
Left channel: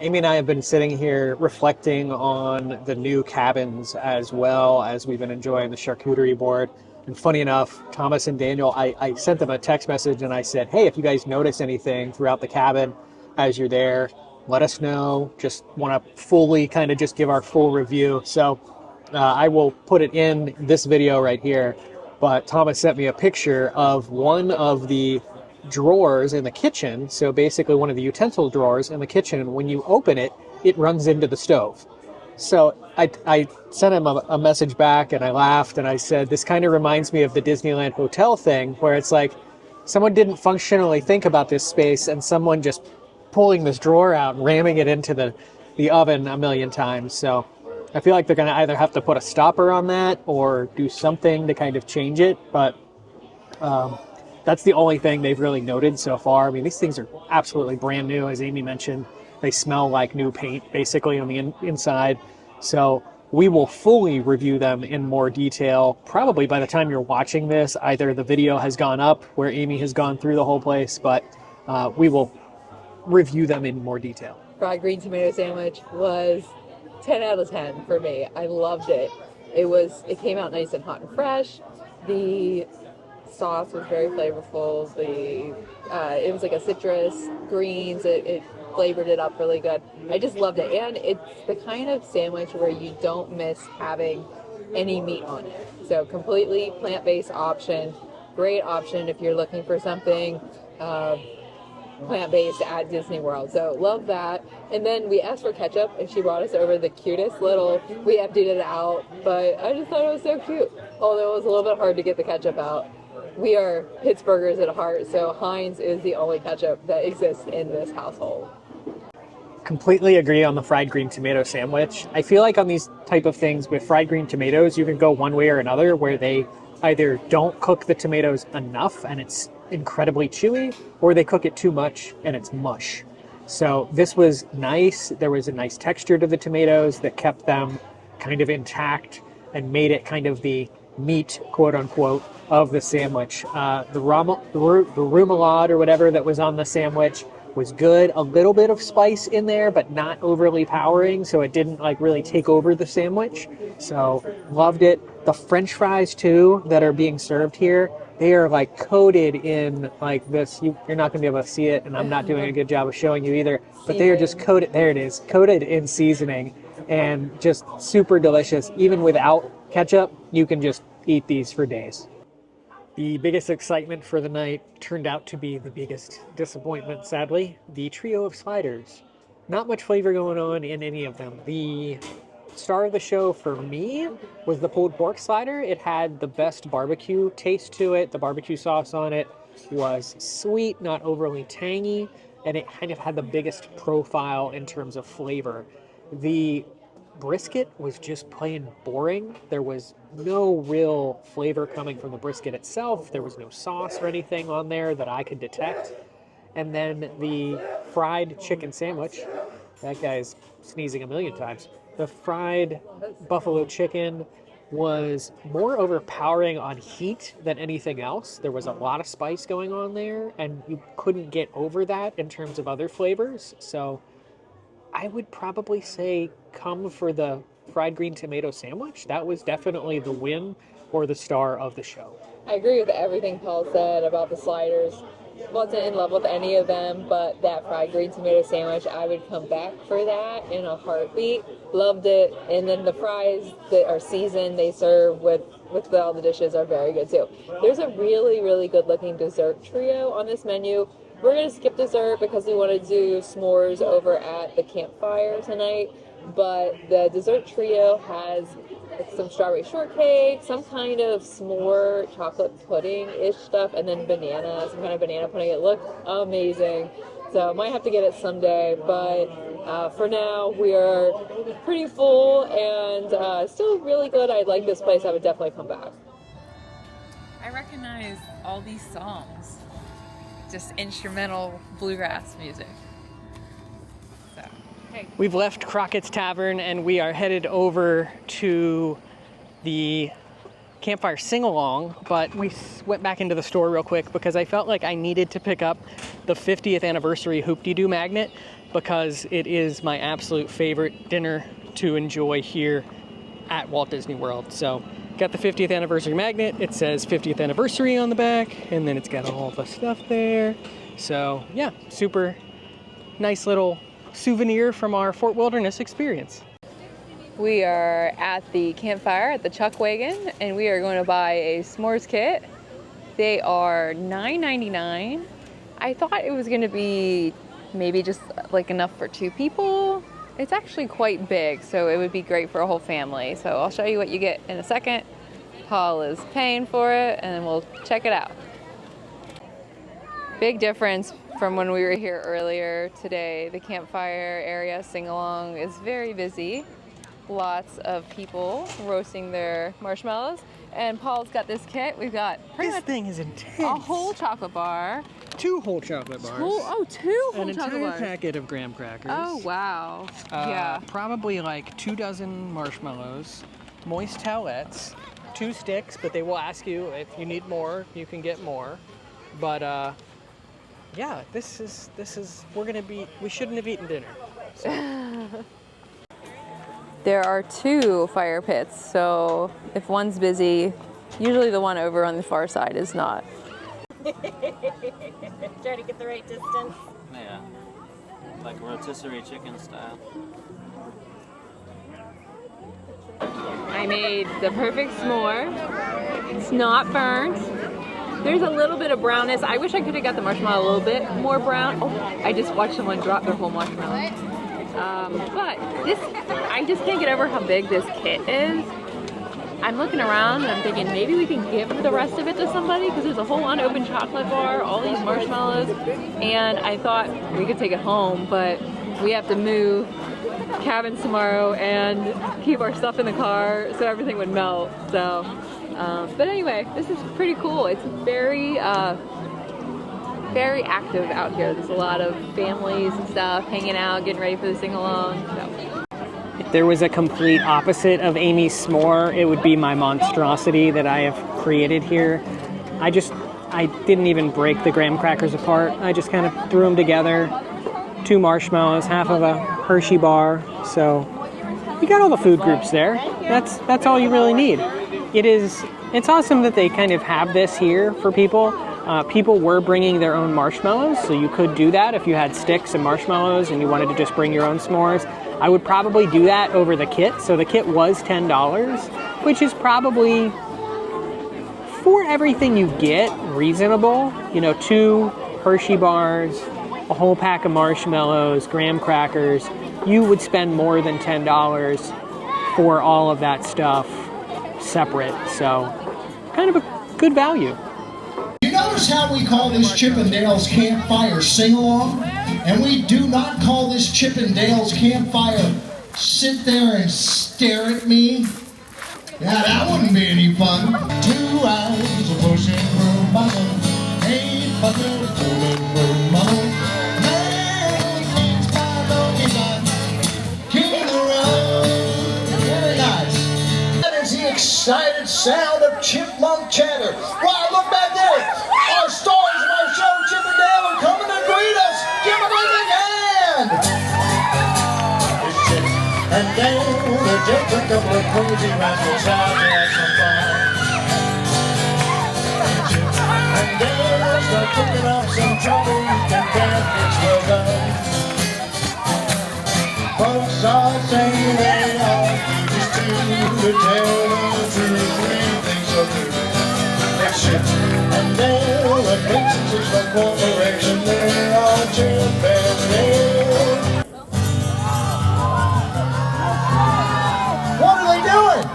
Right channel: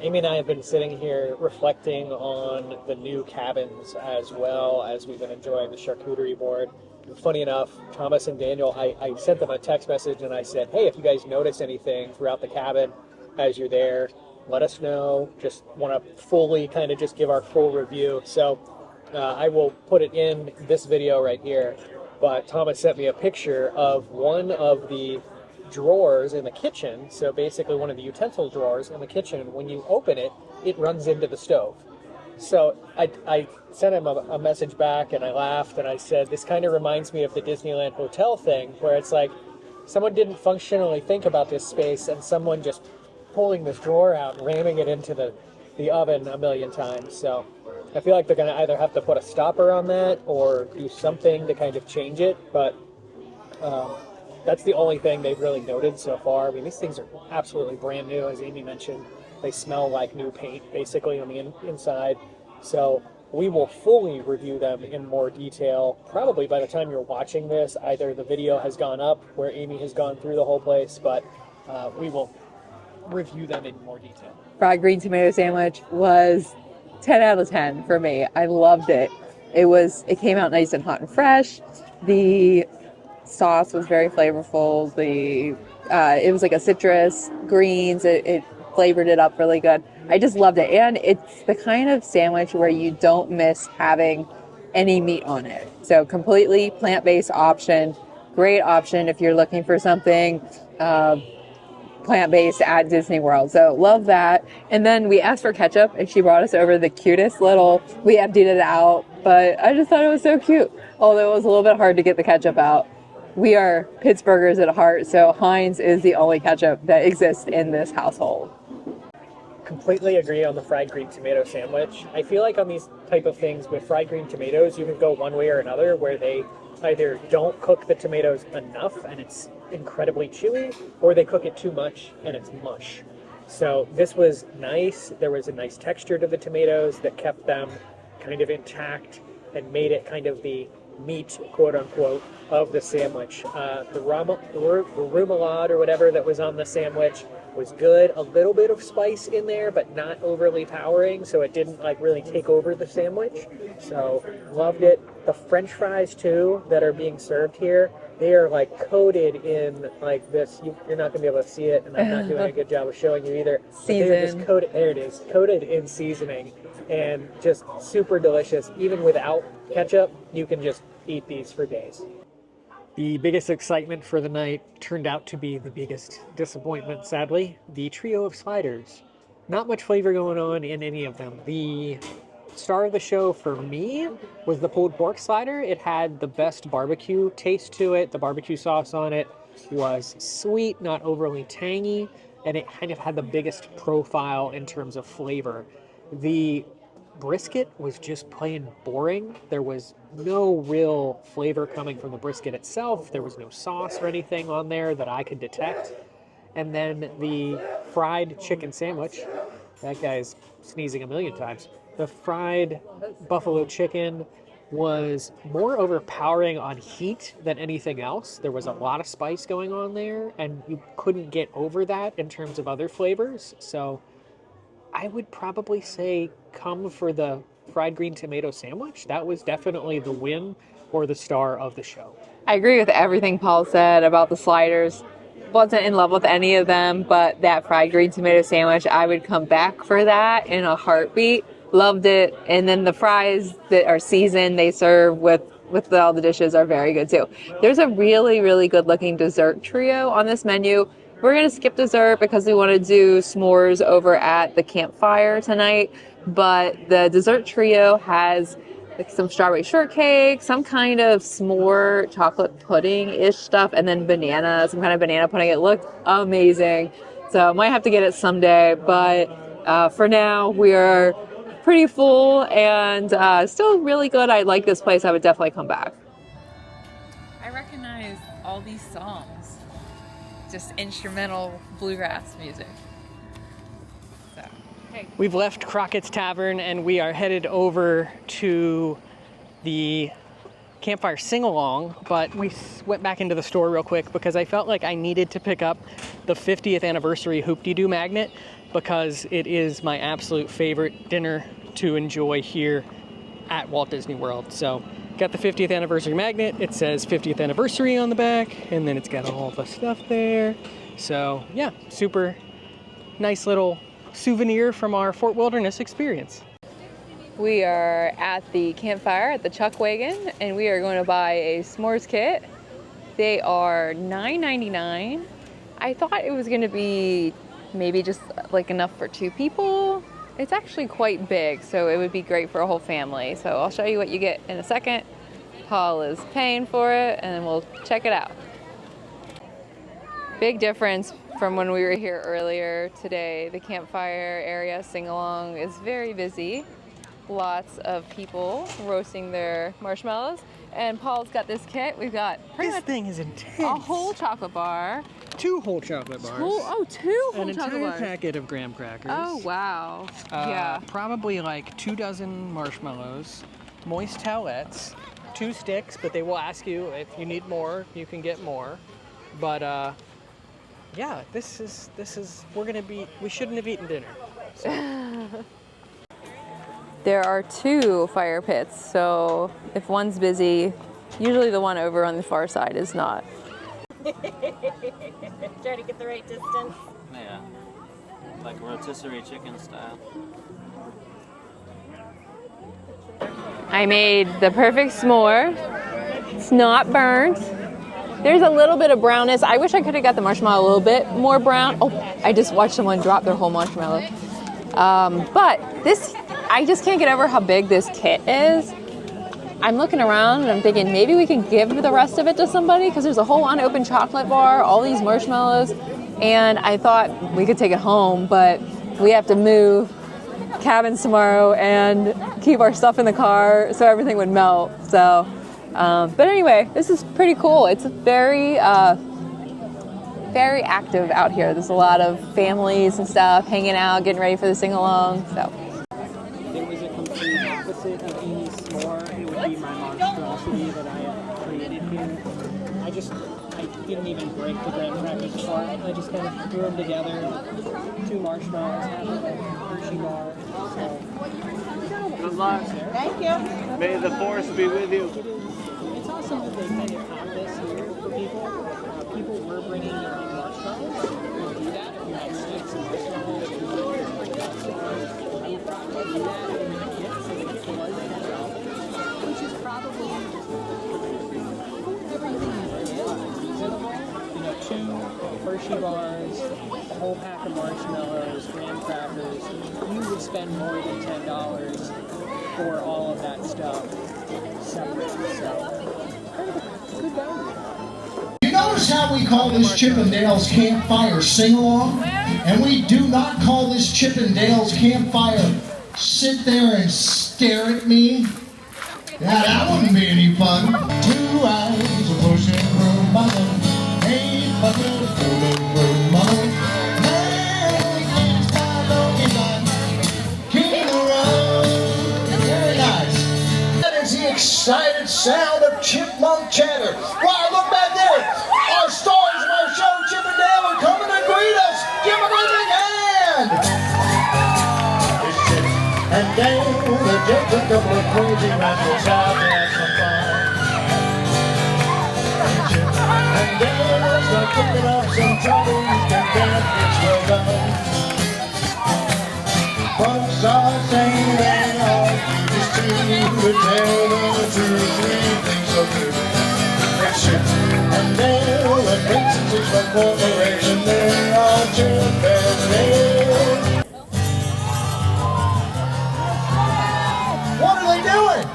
Amy and I have been sitting here reflecting on the new cabins as well as we've been enjoying the charcuterie board. And funny enough, Thomas and Daniel, I sent them a text message and I said, hey, if you guys notice anything throughout the cabin as you're there, let us know. Just want to fully kind of just give our full review. So I will put it in this video right here. But Thomas sent me a picture of one of the drawers in the kitchen. So basically one of the utensil drawers in the kitchen, when you open it, it runs into the stove. So I sent him a message back and I laughed and I said, this kind of reminds me of the Disneyland hotel thing where it's like, someone didn't functionally think about this space, and someone just pulling this drawer out and ramming it into the oven a million times. So I feel like they're going to either have to put a stopper on that or do something to kind of change it. But that's the only thing they've really noted so far. I mean, these things are absolutely brand new, as Amy mentioned. They smell like new paint, basically, on the inside. So we will fully review them in more detail. Probably by the time you're watching this, either the video has gone up where Amy has gone through the whole place, but we will review them in more detail. Fried green tomato sandwich was 10 out of 10 for me. I loved it. It came out nice and hot and fresh. The sauce was very flavorful. It was like a citrus, greens. It flavored it up really good. I just loved it. And it's the kind of sandwich where you don't miss having any meat on it. So completely plant-based option. Great option if you're looking for something plant-based at Disney World. So love that. And then we asked for ketchup and she brought us over the cutest we emptied it out, but I just thought it was so cute. Although it was a little bit hard to get the ketchup out. We are Pittsburghers at heart, so Heinz is the only ketchup that exists in this household. Completely agree on the fried green tomato sandwich. I feel like on these type of things with fried green tomatoes, you can go one way or another, where they either don't cook the tomatoes enough and it's incredibly chewy, or they cook it too much and it's mush. So this was nice. There was a nice texture to the tomatoes that kept them kind of intact and made it kind of the meat, quote unquote, of the sandwich. The remoulade or whatever that was on the sandwich was good. A little bit of spice in there, but not overly powering, so it didn't like really take over the sandwich. So loved it. The French fries too that are being served here, they are like coated in like this. You're not gonna be able to see it, and I'm not doing a good job of showing you either. But they are just coated. There it is, coated in seasoning, and just super delicious. Even without ketchup, you can just eat these for days. The biggest excitement for the night turned out to be the biggest disappointment, sadly. The trio of sliders. Not much flavor going on in any of them. The star of the show for me was the pulled pork slider. It had the best barbecue taste to it. The barbecue sauce on it was sweet, not overly tangy, and it kind of had the biggest profile in terms of flavor. The brisket was just plain boring. There was no real flavor coming from the brisket itself. There was no sauce or anything on there that I could detect. And then the fried chicken sandwich, that guy's sneezing a million times. The fried buffalo chicken was more overpowering on heat than anything else. There was a lot of spice going on there, and you couldn't get over that in terms of other flavors. So I would probably say come for the fried green tomato sandwich. That was definitely the win or the star of the show. I agree with everything Paul said about the sliders. Wasn't in love with any of them, but that fried green tomato sandwich, I would come back for that in a heartbeat. Loved it. And then the fries that are seasoned, they serve with all the dishes are very good too. There's a really, really good looking dessert trio on this menu. We're going to skip dessert because we want to do s'mores over at the campfire tonight. But the dessert trio has like some strawberry shortcake, some kind of s'more chocolate pudding-ish stuff, and then some kind of banana pudding. It looked amazing. So I might have to get it someday. But for now, we are pretty full and still really good. I like this place. I would definitely come back. I recognize all these songs. Just instrumental bluegrass music. So, hey. We've left Crockett's Tavern and we are headed over to the Campfire Sing-A-Long, but we went back into the store real quick because I felt like I needed to pick up the 50th anniversary Hoop-Dee-Doo magnet because it is my absolute favorite dinner to enjoy here at Walt Disney World. So got the 50th anniversary magnet. It says 50th anniversary on the back, and then it's got all the stuff there. So yeah, super nice little souvenir from our Fort Wilderness experience. We are at the campfire at the Chuck Wagon, and we are going to buy a s'mores kit. They are $9.99. I thought it was going to be maybe just like enough for 2 people. It's actually quite big, so it would be great for a whole family. So I'll show you what you get in a second. Paul is paying for it, and then we'll check it out. Big difference from when we were here earlier today. The campfire area sing-along is very busy. Lots of people roasting their marshmallows. And Paul's got this kit. We've got This thing is intense. a whole chocolate bar. 2 whole chocolate bars. Two whole An chocolate entire bars. packet of graham crackers. Oh, wow. Yeah. Probably like 2 dozen marshmallows, moist towelettes, 2 sticks, but they will ask you if you need more, you can get more. But yeah, this is we shouldn't have eaten dinner. So. There are 2 fire pits, so if one's busy, usually the one over on the far side is not. Try to get the right distance. Yeah, like rotisserie chicken style. I made the perfect s'more. It's not burnt. There's a little bit of brownness. I wish I could have got the marshmallow a little bit more brown. Oh, I just watched someone drop their whole marshmallow. But this, I just can't get over how big this kit is. I'm looking around and I'm thinking maybe we can give the rest of it to somebody because there's a whole unopened chocolate bar, all these marshmallows, and I thought we could take it home, but we have to move cabins tomorrow and keep our stuff in the car so everything would melt. So, but anyway, this is pretty cool. It's very, very active out here. There's a lot of families and stuff hanging out, getting ready for the sing-along. So. If there was a complete opposite of Amy's s'more, it would be my monstrosity that I have created here. I didn't even break the graham crackers apart. I just kind of threw them together. 2 marshmallows, half of a Hershey bar. So you got all the food groups there. That's all you really need. It's awesome that they kind of have this here for people. People were bringing their own marshmallows, so you could do that if you had sticks and marshmallows and you wanted to just bring your own s'mores. I would probably do that over the kit. So the kit was $10, which is probably, for everything you get, reasonable. You know, 2 Hershey bars, a whole pack of marshmallows, graham crackers. You would spend more than $10 for all of that stuff separate. So kind of a good value. You notice how we call this Chippendale's Campfire Sing-A-Long? And we do not call this Chippendale's Campfire Sit There and Stare at Me? Yeah, that wouldn't be any fun. 2 hours of pushing through mother, ain't fucking fooling through mother. King of the road. Very nice. That is the excited sound of chipmunk chatter. Why, look back there. Our stars of our show, Chip and Dale, are coming to greet us. Give them a big hand. And then the day took a couple of crazy rascals out to have some fun. And then they're kicking off some trouble. You can dance, it's well done. Folks are singing and all just to tell the truth. 3 things so true. And then the pictures of corporation, they're all Chippendale. What are they doing?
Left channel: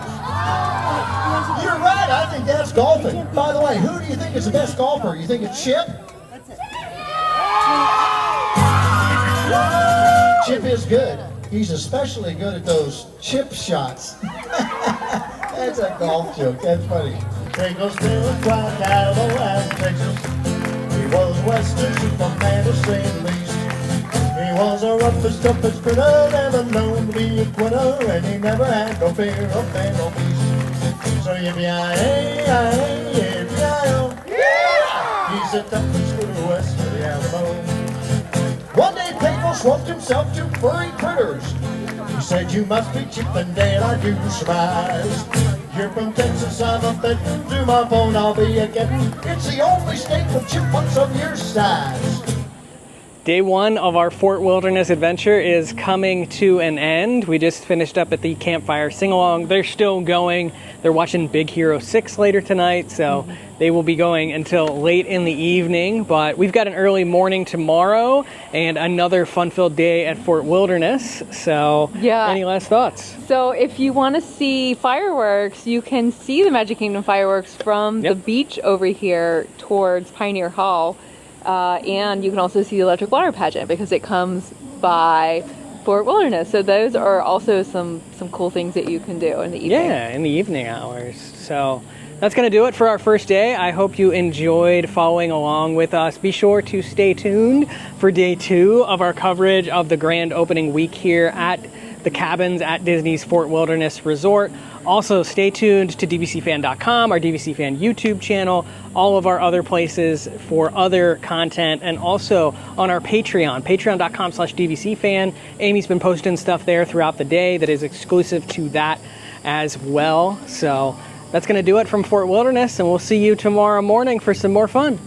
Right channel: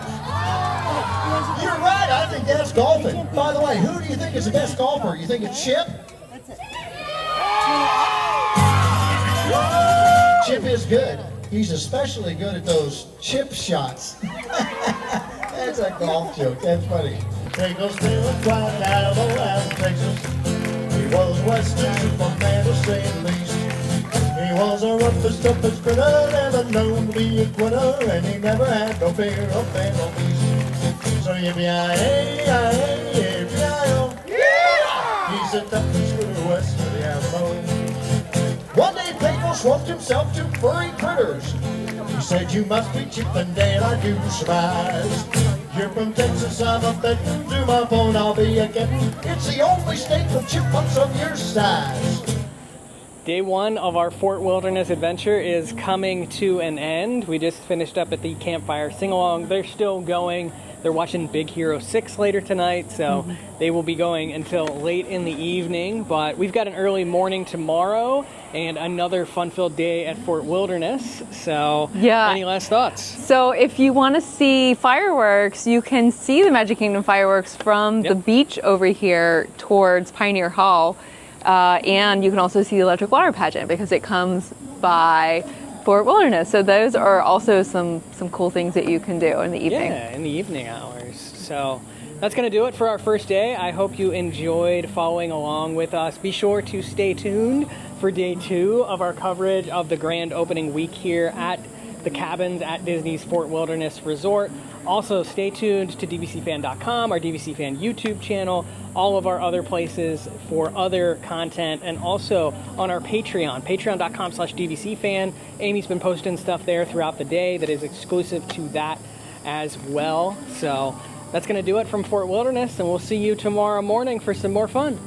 You're right, I think that's golfing. By the way, who do you think is the best golfer? You think it's Chip? Chip is good. He's especially good at those chip shots. That's a golf joke. That's funny. Jacob's feeling quite out of West Texas. He was Western Superman to say the least. He was a roughest, toughest critter, never known to be a quitter, and he never had no fear of man or beast. So yippee-yi-yi, yippee-yi-yo. Yeah! He's a toughest critter west of the Alamo. One day Pinko swapped himself to furry critters. He said, you must be Chippendale, I do surmise. You're from Texas, I'm a betting. To my phone, I'll be a getting. It's the only state with chipmunks of your size. Day 1 of our Fort Wilderness adventure is coming to an end. We just finished up at the Campfire Sing-A-Long. They're still going. They're watching Big Hero 6 later tonight, so they will be going until late in the evening. But we've got an early morning tomorrow and another fun-filled day at Fort Wilderness. So, Yeah. Any last thoughts? So if you want to see fireworks, you can see the Magic Kingdom fireworks from the beach over here towards Pioneer Hall. And you can also see the electric water pageant because it comes by Fort Wilderness. So those are also some cool things that you can do in the evening. Yeah, in the evening hours. So that's going to do it for our first day. I hope you enjoyed following along with us. Be sure to stay tuned for day 2 of our coverage of the grand opening week here at the cabins at Disney's Fort Wilderness Resort. Also, stay tuned to DVCFan.com, our DVC Fan YouTube channel, all of our other places for other content, and also on our Patreon, patreon.com/DVCFan. Amy's been posting stuff there throughout the day that is exclusive to that as well. So that's going to do it from Fort Wilderness, and we'll see you tomorrow morning for some more fun.